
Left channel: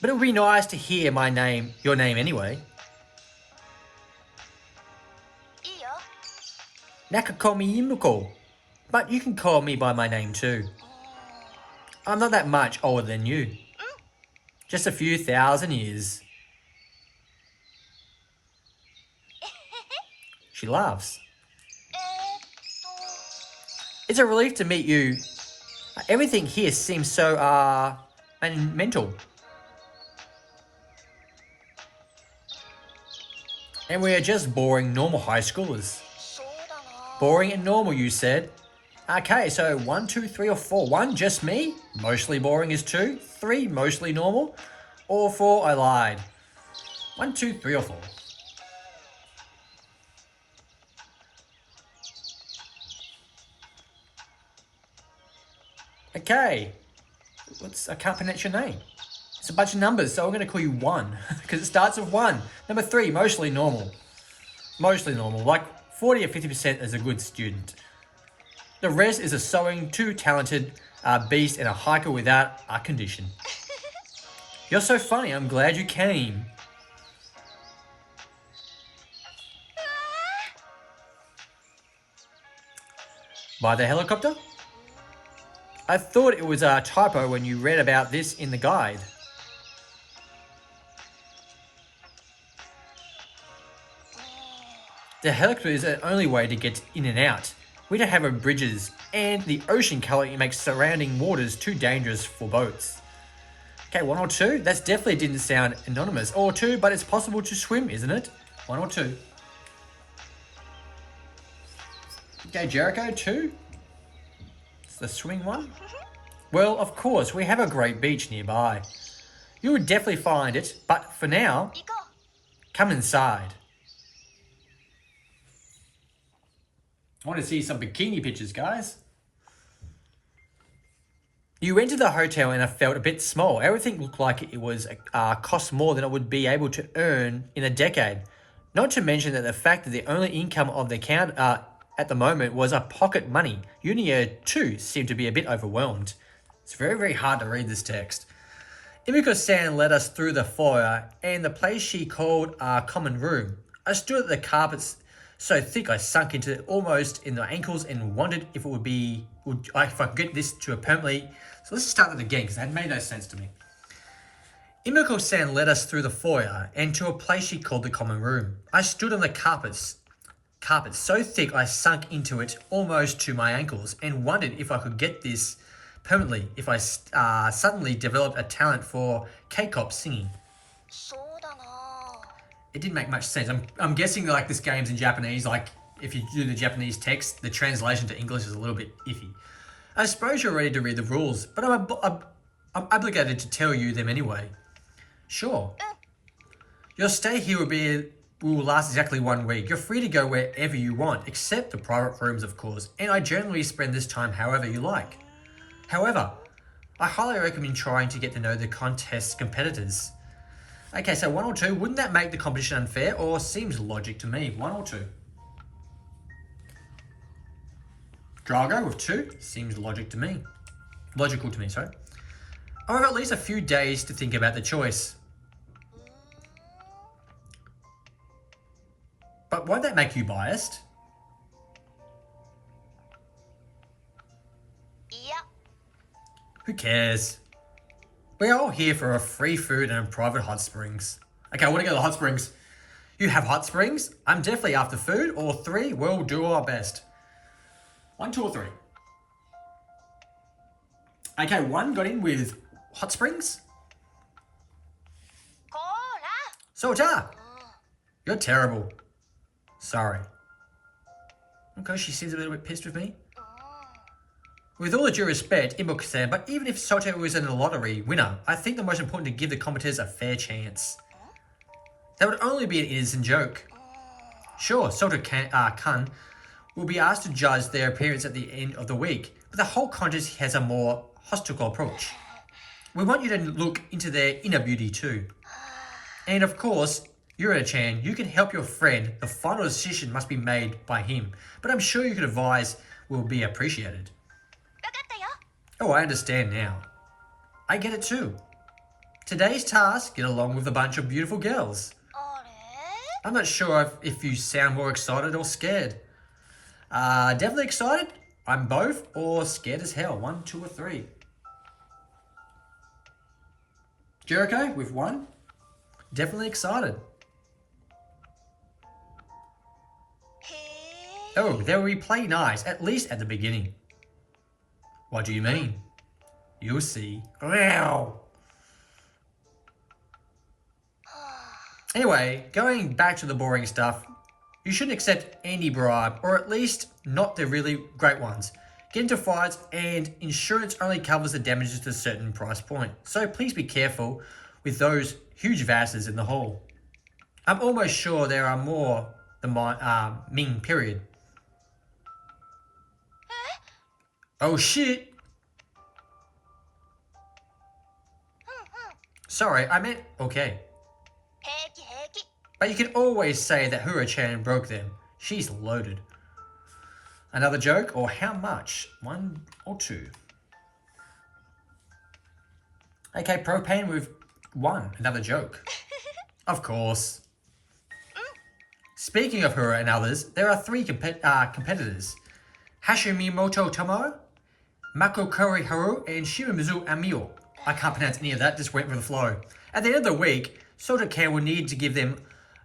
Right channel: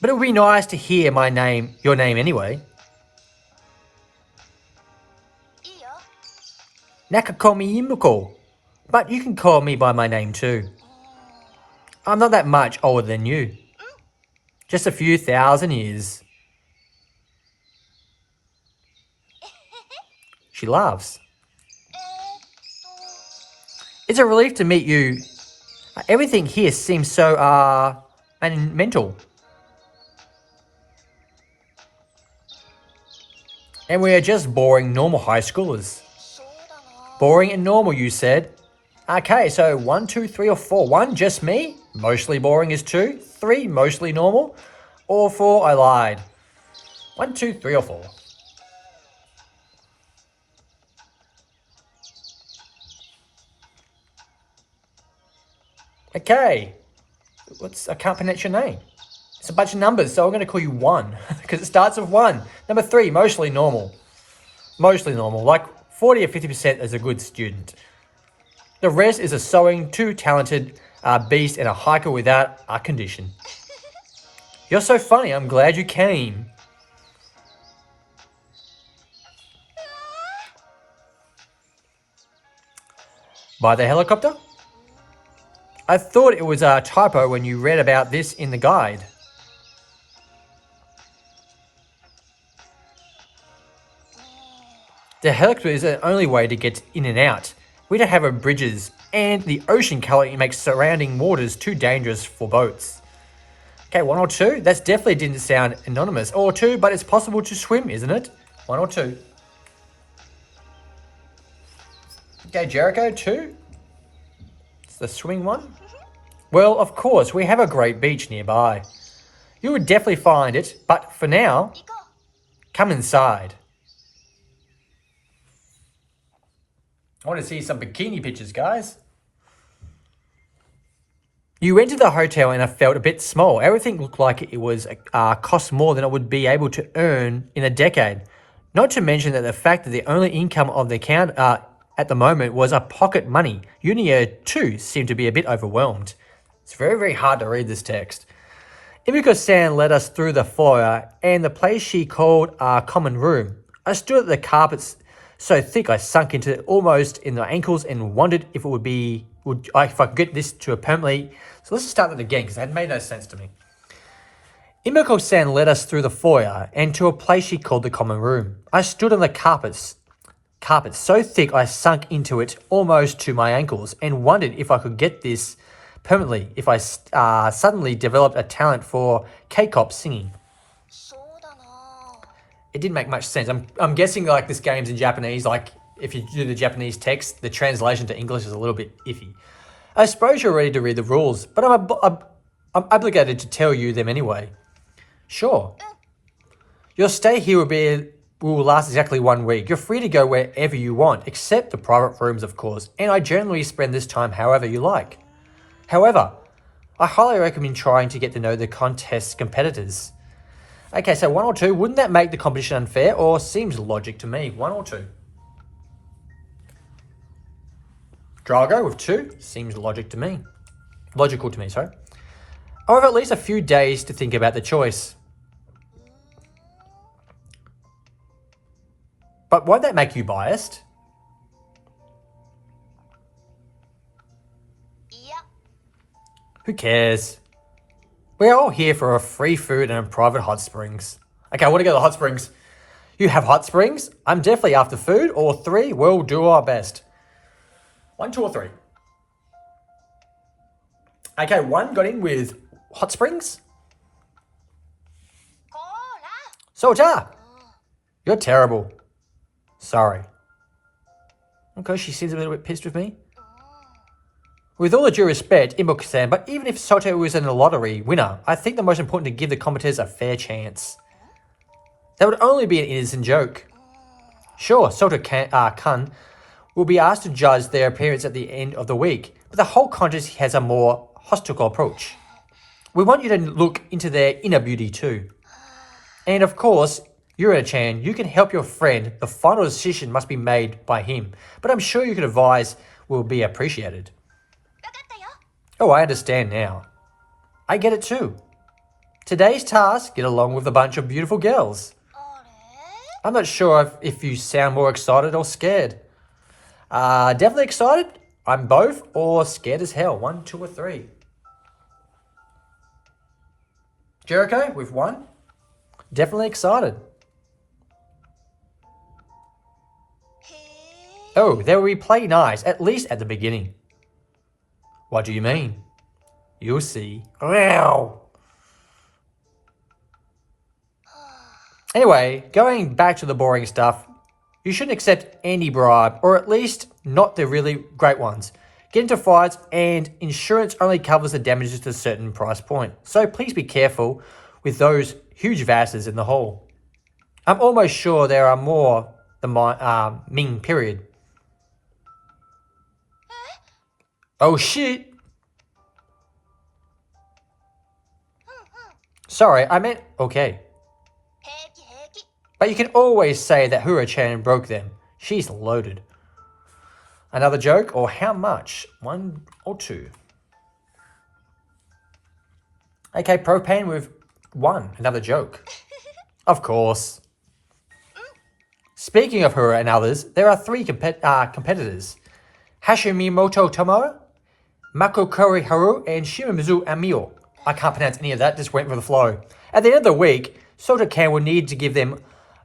But it would be nice to hear your name anyway. Nakakomi Imuko. But you can call me by my name too. I'm not that much older than you. Just a few thousand years. She laughs. It's a relief to meet you. Everything here seems so, mental. And we are just boring normal high schoolers. Boring and normal, you said. Okay, so 1, 2, 3, or 4. 1, just me. Mostly boring is 2. 3, mostly normal. Or 4, I lied. 1, 2, 3, or 4. Okay. I can't pronounce your name. It's a bunch of numbers, so I'm going to call you 1 because it starts with 1. Number 3, mostly normal. Mostly normal, like 40 or 50% as a good student. The rest is a sewing, too talented beast and a hiker without a condition. You're so funny, I'm glad you came. By the helicopter? I thought it was a typo when you read about this in the guide. The helicopter is the only way to get in and out. We don't have bridges, and the ocean currently makes surrounding waters too dangerous for boats. Okay, 1 or 2? That definitely didn't sound anonymous. Or 2, but it's possible to swim, isn't it? 1 or 2. Okay, Jericho, 2. It's the swimming one. Well, of course, we have a great beach nearby. You would definitely find it, but for now, come inside. I want to see some bikini pictures, guys. You entered the hotel and I felt a bit small. Everything looked like it was cost more than it would be able to earn in a decade. Not to mention that the fact that the only income of the account at the moment was a pocket money. Unedited too seemed to be a bit overwhelmed. It's very, very hard to read this text. Imiko-san led us through the foyer and the place she called our common room. I stood at the carpets so thick I sunk into it almost in the ankles and wondered if it if I could get this to a permanently. So let's just start that again because it had made no sense to me. Imiko-san led us through the foyer and to a place she called the common room. I stood on the carpets so thick I sunk into it almost to my ankles and wondered if I could get this permanently if I suddenly developed a talent for K-pop singing. It didn't make much sense. I'm guessing like this game's in Japanese. Like if you do the Japanese text, the translation to English is a little bit iffy. I suppose you're ready to read the rules, but I'm obligated to tell you them anyway. Sure. Your stay here will last exactly 1 week. You're free to go wherever you want, except the private rooms, of course, and I generally spend this time however you like. However, I highly recommend trying to get to know the contest competitors. Okay, so 1 or 2, wouldn't that make the competition unfair, or seems logic to me? 1 or 2? Drago with 2, seems logical to me, sorry. I have at least a few days to think about the choice. But won't that make you biased? Yeah. Who cares? We're all here for a free food and a private hot springs. Okay, I want to go to the hot springs. You have hot springs? I'm definitely after food. Or 3, we'll do our best. 1, 2, or 3? Okay, 1 got in with hot springs. Soja! You're terrible. Sorry. Okay, she seems a little bit pissed with me. With all the due respect, Imbook-san, but even if Soto was in a lottery winner, I think the most important to give the competitors a fair chance. That would only be an innocent joke. Sure, Soto-kun will be asked to judge their appearance at the end of the week, but the whole contest has a more hostile approach. We want you to look into their inner beauty too. And of course, Yura-chan, you can help your friend. The final decision must be made by him, but I'm sure you can advise will be appreciated. Oh, I understand now. I get it too. Today's task, get along with a bunch of beautiful girls. I'm not sure if you sound more excited or scared. Definitely excited. I'm both, or scared as hell. 1, 2, or 3. Jericho with 1. Definitely excited. Oh, they will play nice, at least at the beginning. What do you mean? You'll see. Wow. Anyway, going back to the boring stuff, you shouldn't accept any bribe, or at least not the really great ones. Get into fights, and insurance only covers the damages to a certain price point. So please be careful with those huge vases in the hall. I'm almost sure there are more than my Ming period. Oh shit! Sorry, I meant okay. But you can always say that Hura-chan broke them. She's loaded. Another joke, or how much? 1 or 2? Okay, propane with 1. Another joke. Of course. Speaking of Hura and others, there are 3 competitors. Hashimoto Tomo, Makokori Haru, and Shimizu Amio. I can't pronounce any of that, just went with the flow. At the end of the week, Soda-can will need to give them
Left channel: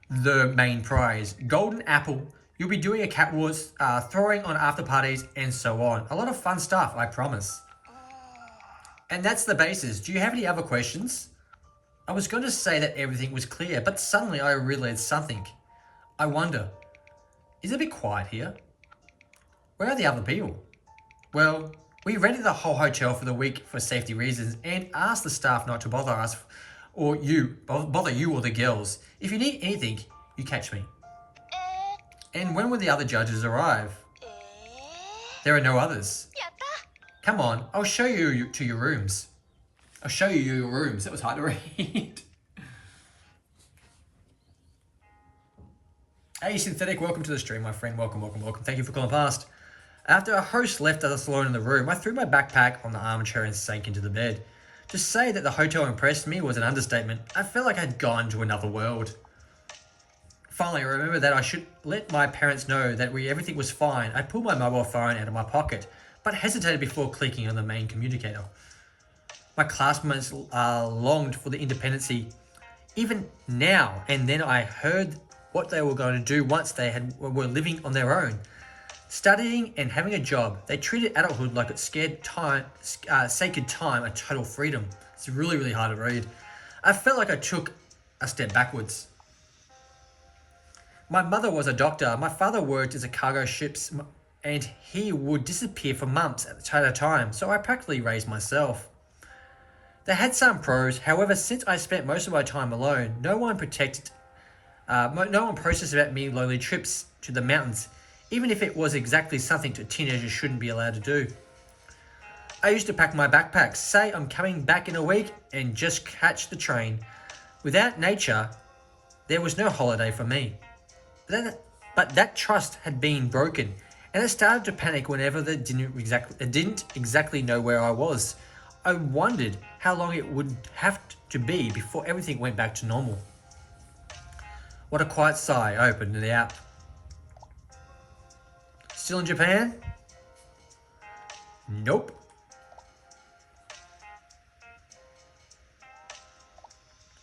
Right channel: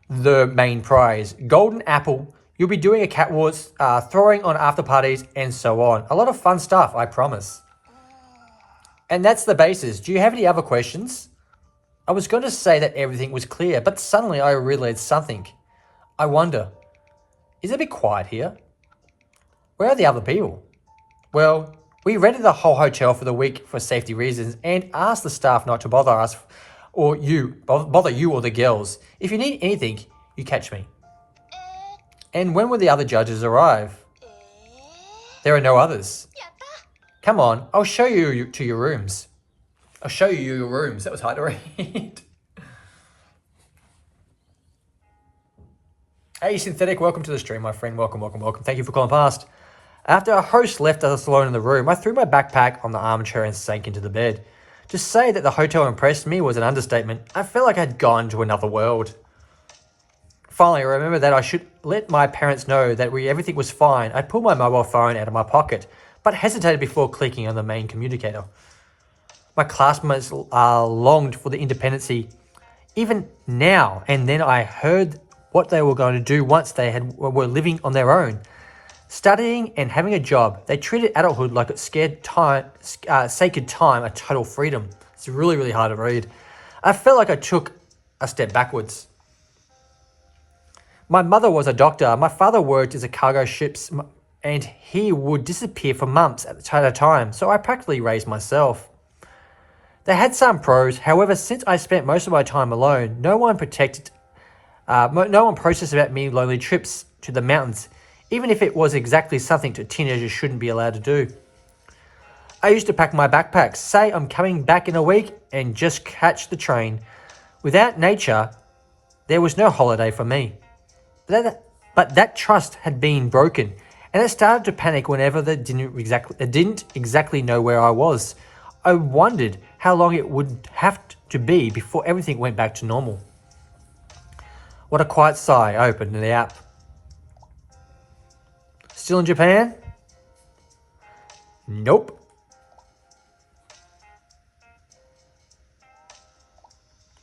the main prize. Golden Apple. You'll be doing a cat wars, throwing on after parties, and so on. A lot of fun stuff, I promise. And that's the basis. Do you have any other questions? I was going to say that everything was clear, but suddenly I realized something. I wonder, is it a bit quiet here? Where are the other people? Well, we rented the whole hotel for the week for safety reasons and asked the staff not to bother us or bother you or the girls. If you need anything, you catch me. And when will the other judges arrive? There are no others. Come on, I'll show you to your rooms. I'll show you your rooms. That was hard to read. Hey, Synthetic, welcome to the stream, my friend. Welcome, welcome, welcome. Thank you for calling past. After our host left us alone in the room, I threw my backpack on the armchair and sank into the bed. To say that the hotel impressed me was an understatement. I felt like I'd gone to another world. Finally, I remembered that I should let my parents know that everything was fine. I pulled my mobile phone out of my pocket, but hesitated before clicking on the main communicator. My classmates longed for the independency even now, and then I heard what they were going to do once they were living on their own. Studying and having a job, they treated adulthood like it's sacred time, a total freedom. It's really, really hard to read. I felt like I took a step backwards. My mother was a doctor. My father worked as a cargo ships, and he would disappear for months at a time, so I practically raised myself. They had some pros, however, since I spent most of my time alone, no one processed about me lonely trips to the mountains, even if it was exactly something that teenagers shouldn't be allowed to do. I used to pack my backpack, say I'm coming back in a week, and just catch the train. Without nature, there was no holiday for me. But that trust had been broken, and it started to panic whenever they didn't exactly know where I was. I wondered how long it would have to be before everything went back to normal. What a quiet sigh. I opened the app. Still in Japan? Nope.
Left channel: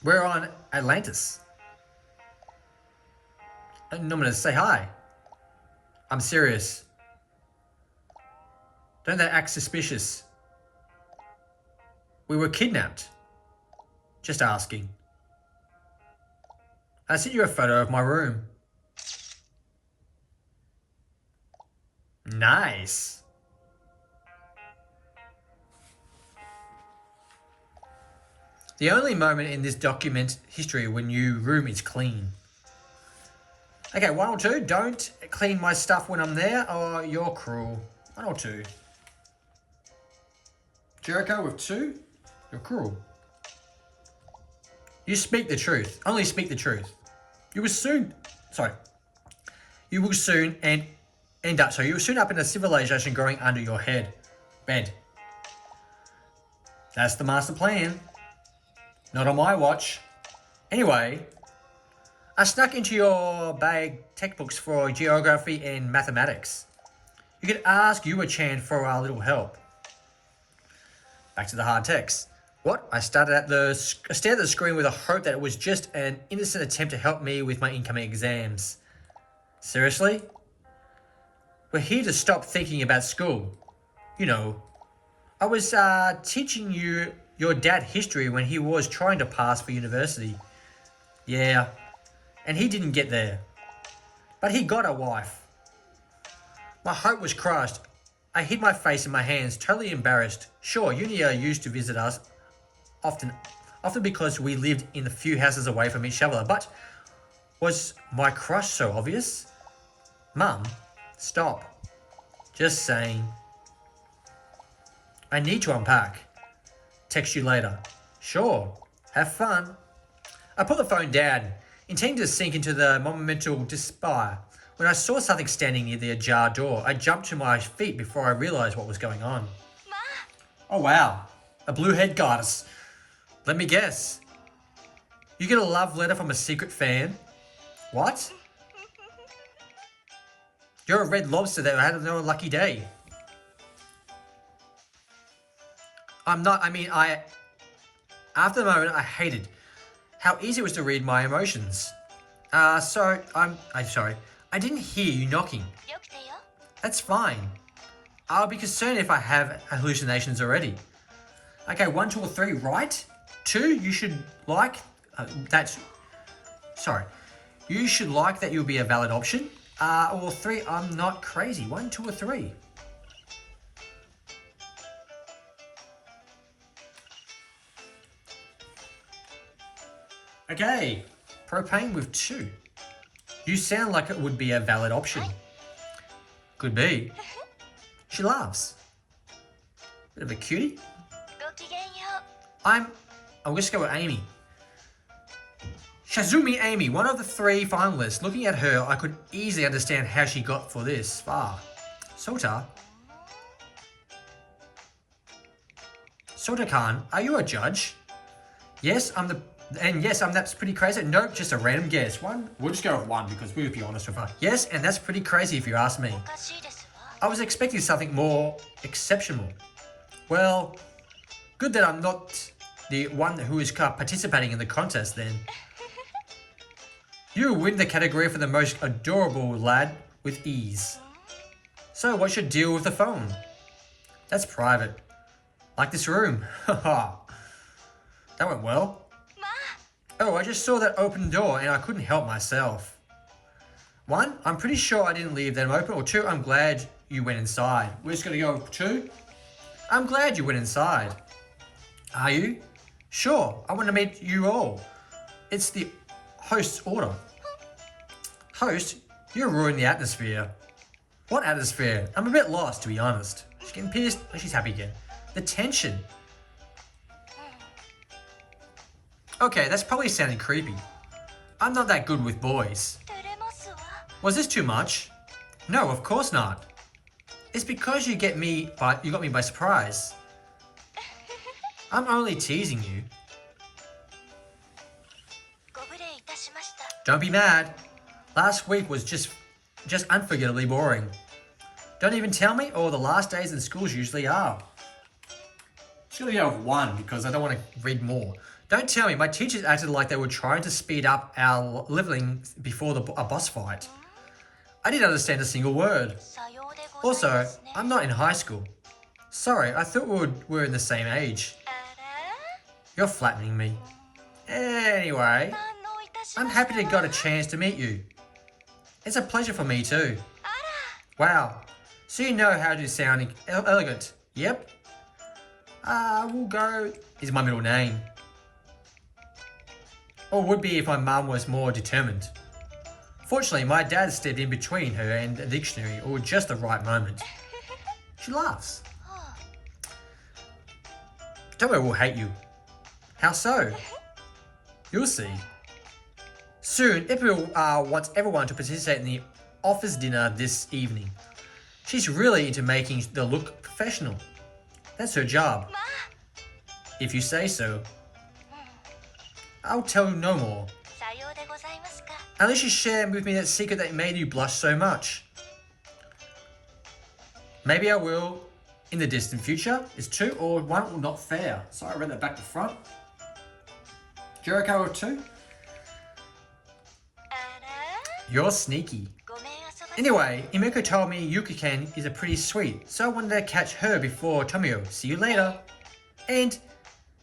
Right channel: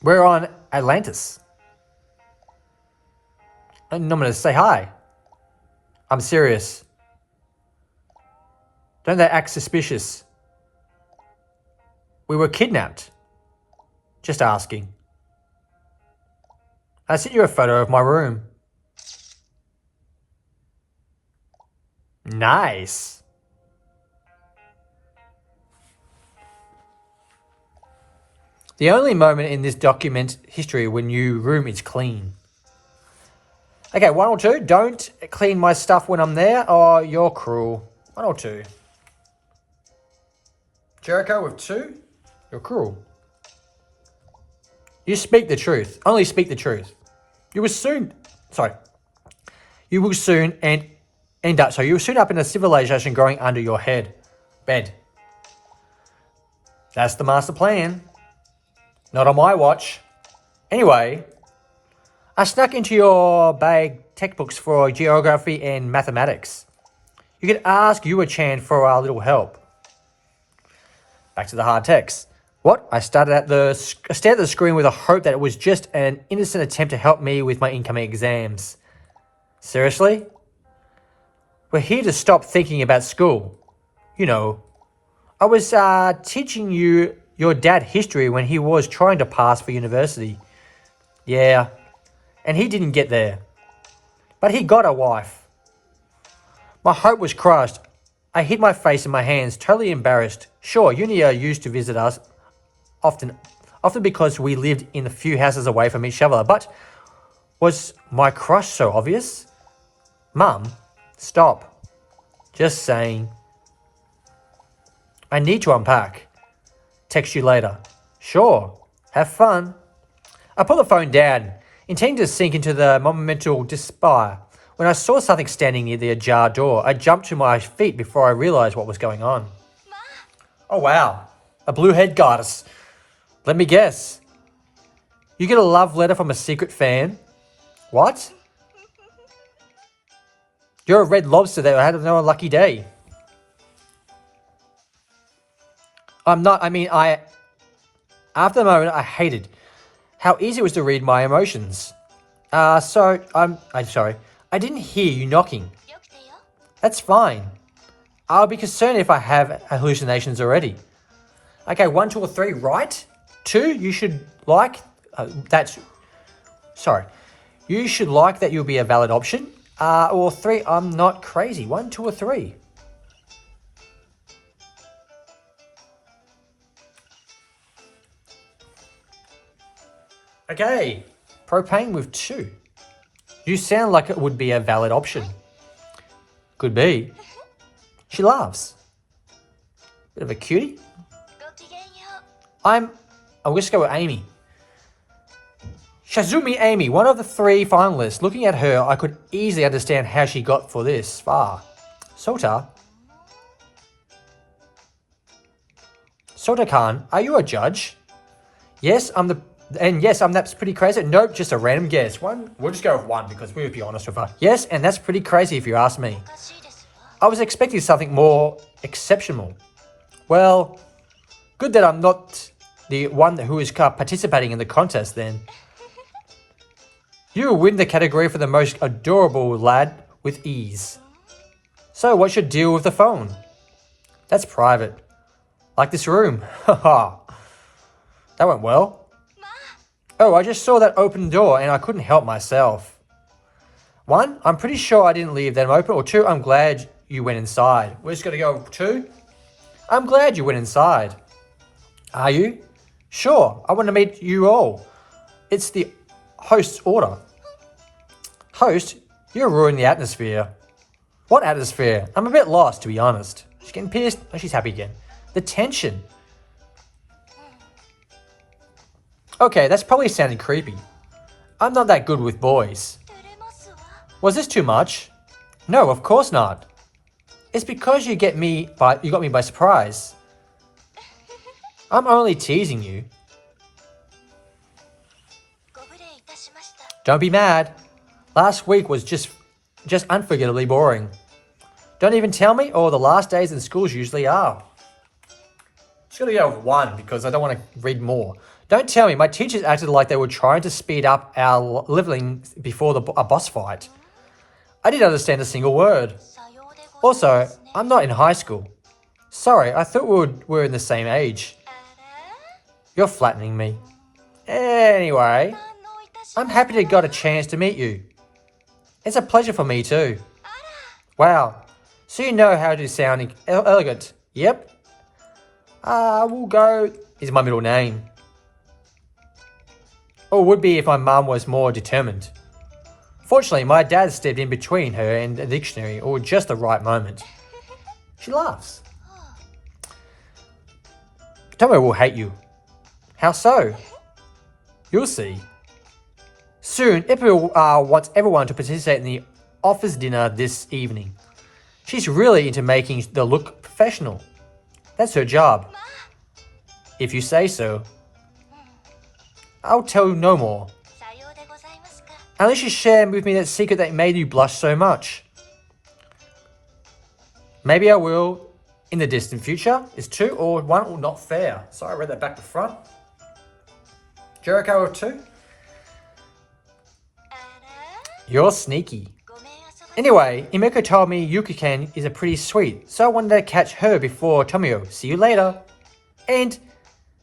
We're on Atlantis. And I'm going to say hi. I'm serious. Don't they act suspicious? We were kidnapped. Just asking. I sent you a photo of my room. Nice. The only moment in this document history when your room is clean. Okay, 1 or 2. Don't clean my stuff when I'm there. Oh, you're cruel. 1 or 2. Jericho with 2. You're cruel. You speak the truth. Only speak the truth. You will soon end up in a civilization growing under your bed. That's the master plan. Not on my watch. Anyway, I snuck into your bag textbooks for geography and mathematics. You could ask Yua-chan for a little help. Back to the hard text. What? I stared at the screen with a hope that it was just an innocent attempt to help me with my incoming exams. Seriously? We're here to stop thinking about school. You know, I was teaching your dad history when he was trying to pass for university. Yeah, and he didn't get there. But he got a wife. My hope was crushed. I hid my face in my hands, totally embarrassed. Sure, Unia used to visit us often because we lived in a few houses away from each other, but was my crush so obvious? Mum, stop. Just saying. I need to unpack. Text you later. Sure. Have fun. I put the phone down, intending to sink into the monumental despair. When I saw something standing near the ajar door, I jumped to my feet before I realized what was going on. Oh wow, a blue-haired goddess. Let me guess. You get a love letter from a secret fan? What? You're a red lobster that had no unlucky day. After the moment, I hated how easy it was to read my emotions. I'm sorry. I didn't hear you knocking. That's fine. I'll be concerned if I have hallucinations already. Okay, 1, 2, or 3, right? 2, you should like, you should like that you'll be a valid option. Or 3, I'm not crazy. 1, 2, or 3. Okay, propane with 2. You sound like it would be a valid option. Could be. She laughs. Bit of a cutie. I'm just go with Amy. Shazumi Amy, one of the 3 finalists. Looking at her, I could easily understand how she got for this far. Sota-kan, are you a judge? Yes, that's pretty crazy. Nope, just a random guess. We'll just go with 1 because we'll be honest with her. Yes, and that's pretty crazy if you ask me. I was expecting something more exceptional. Well, good that I'm not the one who is participating in the contest then. You will win the category for the most adorable lad with ease. So what's your deal with the phone? That's private. Like this room. Haha. That went well. Oh, I just saw that open door and I couldn't help myself. 1, I'm pretty sure I didn't leave them open. Or 2, I'm glad you went inside. We're just going to go with 2. I'm glad you went inside. Are you? Sure, I want to meet you all. It's the host's order. Host, you're ruining the atmosphere. What atmosphere? I'm a bit lost, to be honest. She's getting pissed. Oh, she's happy again. The tension. Okay, that's probably sounding creepy. I'm not that good with boys. Was this too much? No, of course not. It's because you got me by surprise. I'm only teasing you. Don't be mad. Last week was just unforgettably boring. Don't even tell me, or the last days in schools usually are. Just gonna go with 1 because I don't want to read more. Don't tell me, my teachers acted like they were trying to speed up our leveling before a boss fight. I didn't understand a single word. Also, I'm not in high school. Sorry, I thought we were in the same age. You're flattening me. Anyway, I'm happy to got a chance to meet you. It's a pleasure for me too. Wow, so you know how to sound elegant. Yep. We'll go is my middle name. Or would be if my mum was more determined. Fortunately, my dad stepped in between her and the dictionary, or just the right moment. She laughs. Tomo will hate you. How so? You'll see. Soon, Ippo wants everyone to participate in the office dinner this evening. She's really into making the look professional. That's her job. If you say so. I'll tell you no more. Unless you share with me that secret that made you blush so much. Maybe I will in the distant future. Is 2 or 1 not fair? Sorry, I read that back to front. Jericho or 2? You're sneaky. Anyway, Imeko told me Yuki-ken is a pretty sweet, so I wanted to catch her before Tomio. See you later. And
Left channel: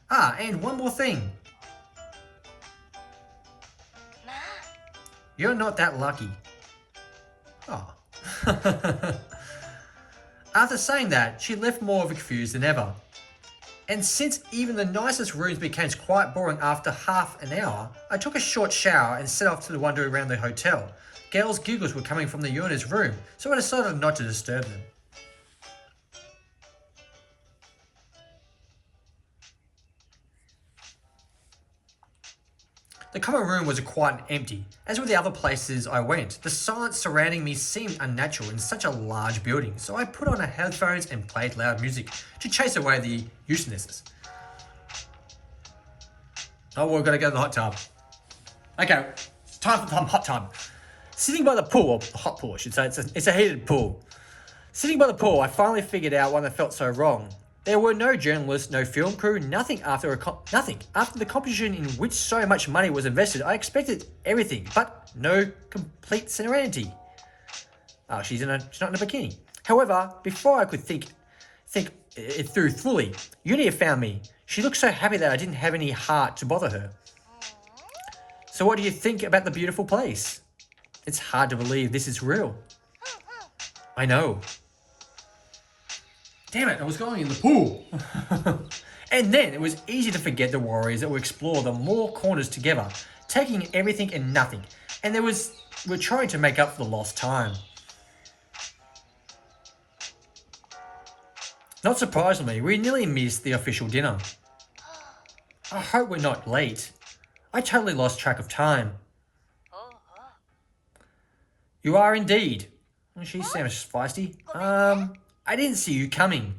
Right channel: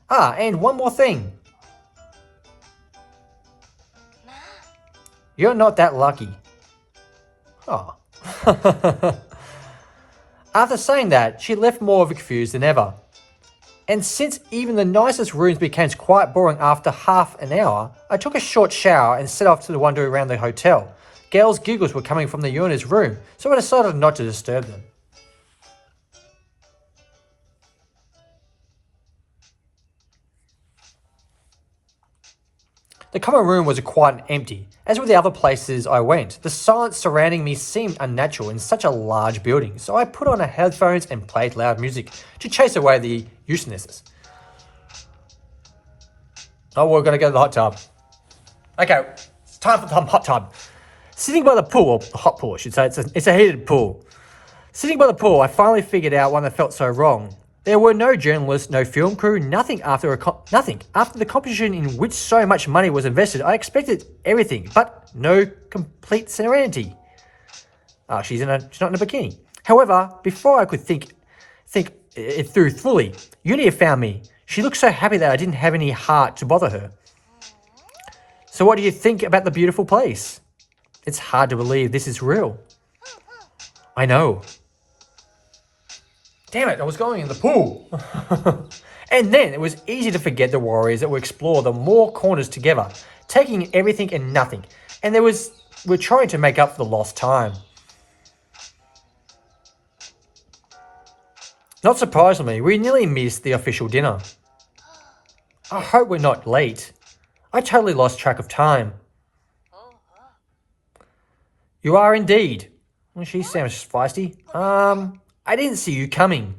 one more thing. You're not that lucky. Oh. After saying that, she left more confused than ever. And since even the nicest rooms became quite boring after half an hour, I took a short shower and set off to wander around the hotel. Girls' giggles were coming from the Yuna's room, so I decided not to disturb them. The common room was quiet and empty, as with the other places I went. The silence surrounding me seemed unnatural in such a large building, so I put on headphones and played loud music to chase away the uselessness. Oh, we're gonna go to the hot tub. Okay, it's time for the hot tub. Sitting by the pool, the hot pool I should say, it's a heated pool. Sitting by the pool, I finally figured out one that felt so wrong. There were no journalists, no film crew, nothing after nothing. After the competition in which so much money was invested, I expected everything, but no complete serenity. She's not in a bikini. However, before I could think it through fully, Unia found me. She looked so happy that I didn't have any heart to bother her. So what do you think about the beautiful place? It's hard to believe this is real. I know. Damn it, I was going in the pool. And then it was easy to forget the warriors that would explore the more corners together, taking everything and nothing. And we're trying to make up for the lost time. Not surprisingly, we nearly missed the official dinner. I hope we're not late. I totally lost track of time. You are indeed. Well, she sounds feisty. I didn't see you coming.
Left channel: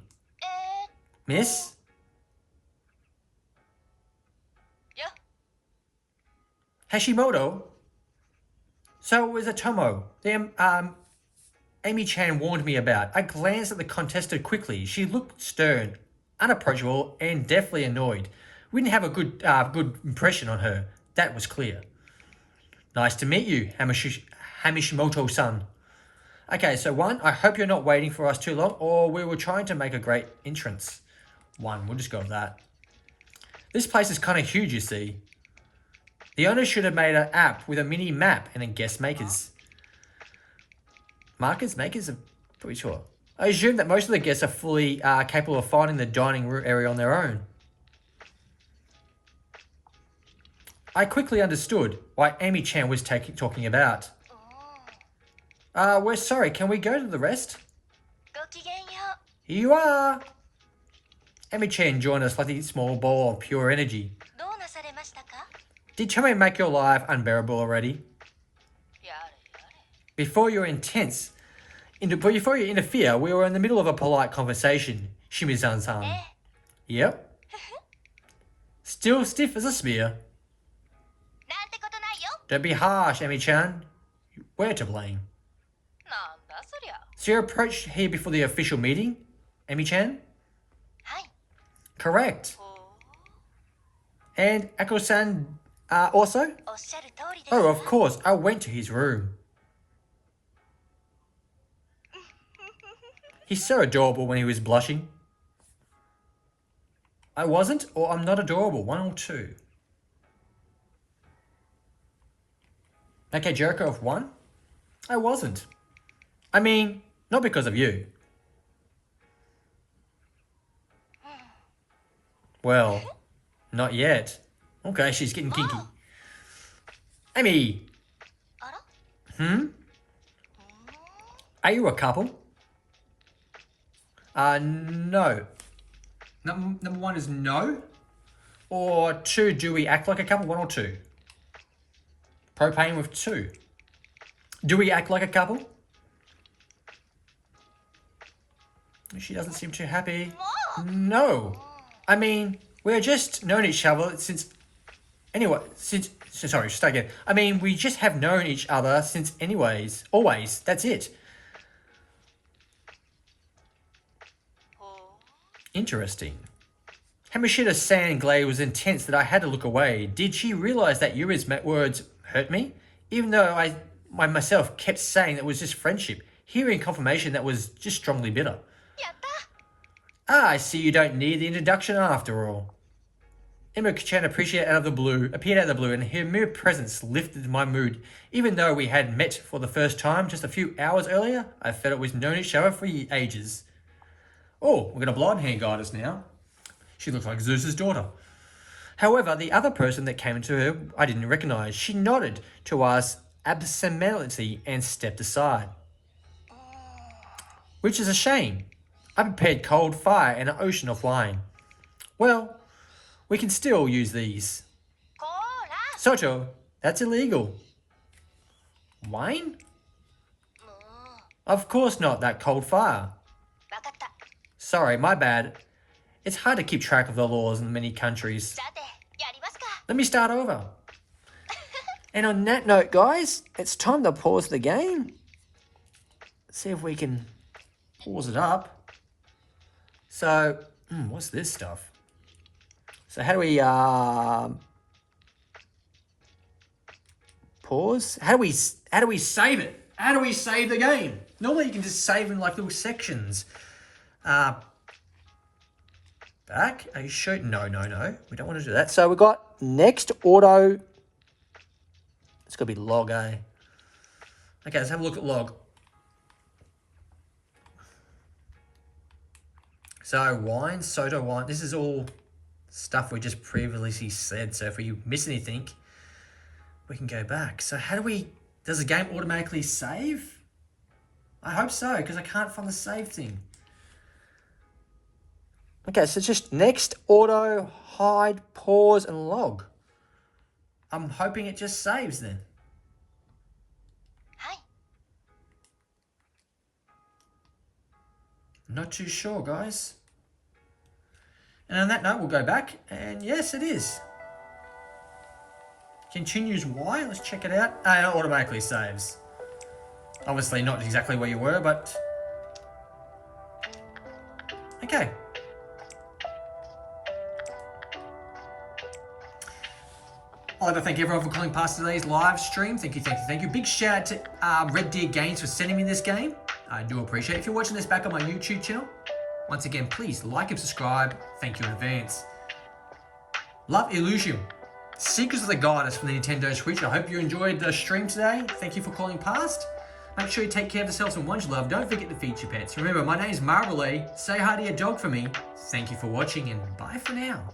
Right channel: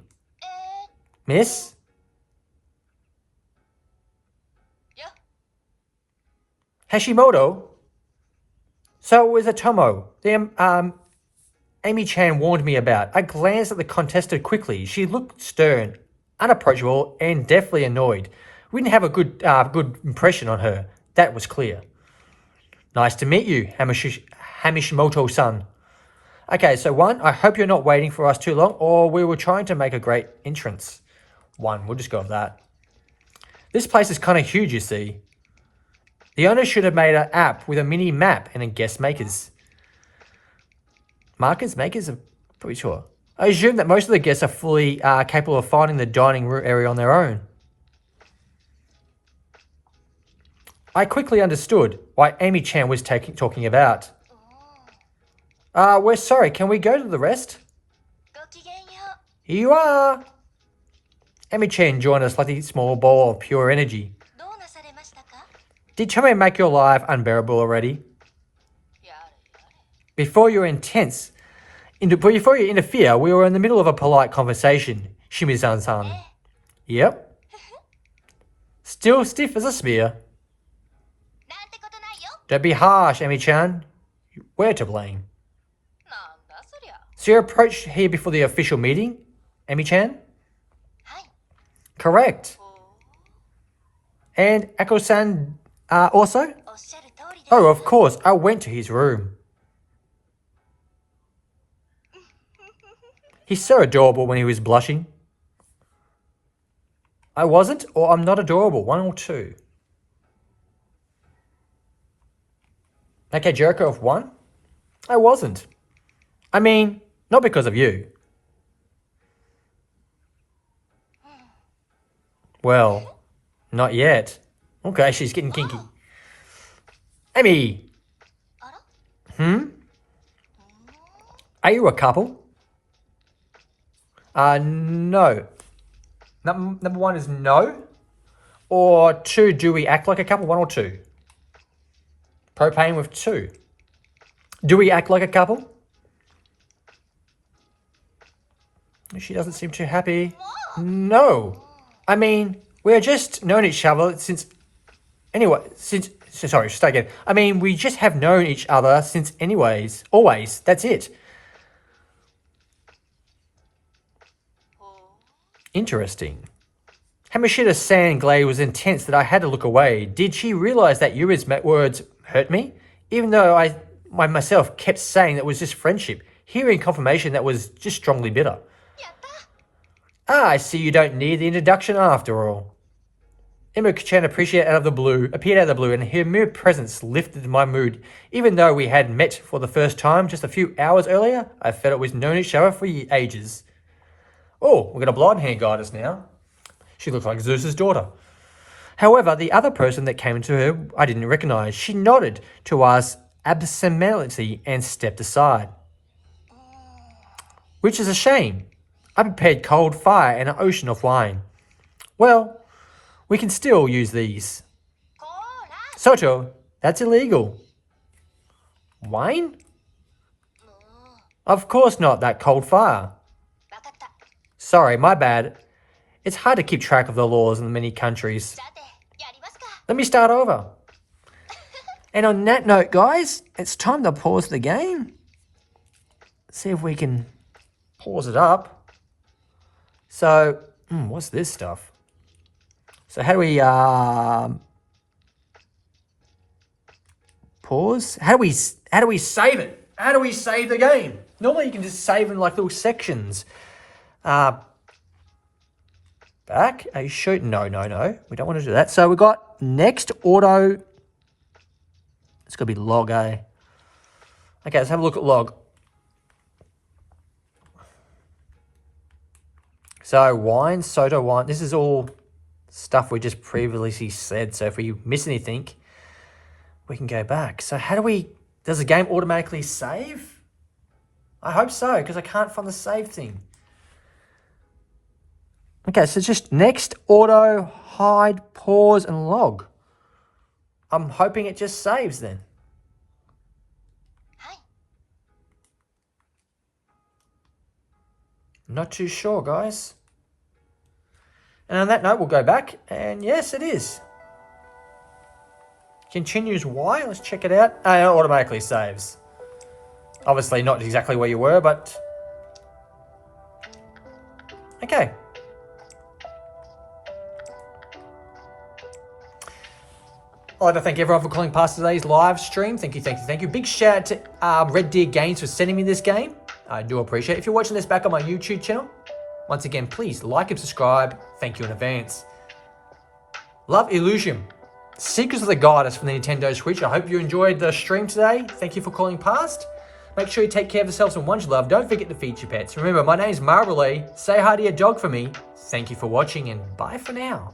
Miss? Yeah. Hashimoto? So it was a Tomo. The Amy-chan warned me about. I glanced at the contestant quickly. She looked stern, unapproachable, and definitely annoyed. We didn't have a good impression on her. That was clear. Nice to meet you, Hamishimoto-san. Okay, so 1, I hope you're not waiting for us too long, or we were trying to make a great entrance. 1, we'll just go with that. This place is kind of huge, you see. The owner should have made an app with a mini map and a guest makers. Makers? I'm pretty sure. I assume that most of the guests are fully capable of finding the dining room area on their own. I quickly understood why Amy-chan was talking about. We're sorry, can we go to the rest? Here you are! Amy-chan joined a slightly small ball of pure energy. Did Chome make your life unbearable already? Before you interfere, we were in the middle of a polite conversation, Shimizan-san. Yep. Still stiff as a spear. Don't be harsh, Amy-chan. We're to blame. So you approached here before the official meeting, Amy-chan? Correct. And Ako-san also? Oh, of course. I went to his room. He's so adorable when he was blushing. I wasn't, or I'm not adorable. 1 or 2. Okay, Jericho of 1. I wasn't. I mean, not because of you. Well, not yet. Okay, she's getting kinky. Amy! Are you a couple? No. Number 1 is no. Or 2, do we act like a couple? 1 or 2? Propane with 2. Do we act like a couple? She doesn't seem too happy. No. I mean, we're just known each other since... Anyway, sorry, start again. I mean, we just have known each other since anyways. Always. That's it. Interesting. Hamashita-san glare was intense that I had to look away. Did she realize that Yuri's words hurt me? Even though I myself kept saying that it was just friendship, hearing confirmation that was just strongly bitter. I see you don't need the introduction after all. Imo-chan appeared out of the blue, and her mere presence lifted my mood. Even though we had met for the first time just a few hours earlier, I felt we'd known each other for ages. Oh, we've got a blonde hair goddess now. She looks like Zeus's daughter. However, the other person that came to her, I didn't recognize. She nodded to us absentmindedly and stepped aside. Which is a shame. I prepared cold fire and an ocean of wine. Well, we can still use these. Soto, that's illegal. Wayne? Of course not, that cold fire. Sorry, my bad. It's hard to keep track of the laws in many countries. Let me start over. And on that note, guys, it's time to pause the game. See if we can pause it up. So, what's this stuff? So how do we pause? How do we save it? How do we save the game? Normally you can just save in like little sections. Back? Are you sure? No. We don't want to do that. So we got next auto. It's going to be log, eh? Okay, let's have a look at log. So wine, Soto wine. This is all stuff we just previously said. So if we miss anything, we can go back. So how do we... Does the game automatically save? I hope so, because I can't find the save thing. Okay, so just next, auto, hide, pause, and log. I'm hoping it just saves then. Hi. Not too sure, guys. And on that note, we'll go back, and yes, it is. Continues Y, let's check it out. Oh, it automatically saves. Obviously not exactly where you were, but... Okay. I'd like to thank everyone for calling past today's live stream. Thank you. Big shout out to RedDeer Games for sending me this game. I do appreciate it. If you're watching this back on my YouTube channel, once again, please like and subscribe. Thank you in advance. Love Elysium. Secrets of the Goddess from the Nintendo Switch. I hope you enjoyed the stream today. Thank you for calling past. Make sure you take care of yourselves and much love. Don't forget to feed your pets. Remember, my name is MARBROLAY. Say hi to your dog for me. Thank you for watching and bye for now.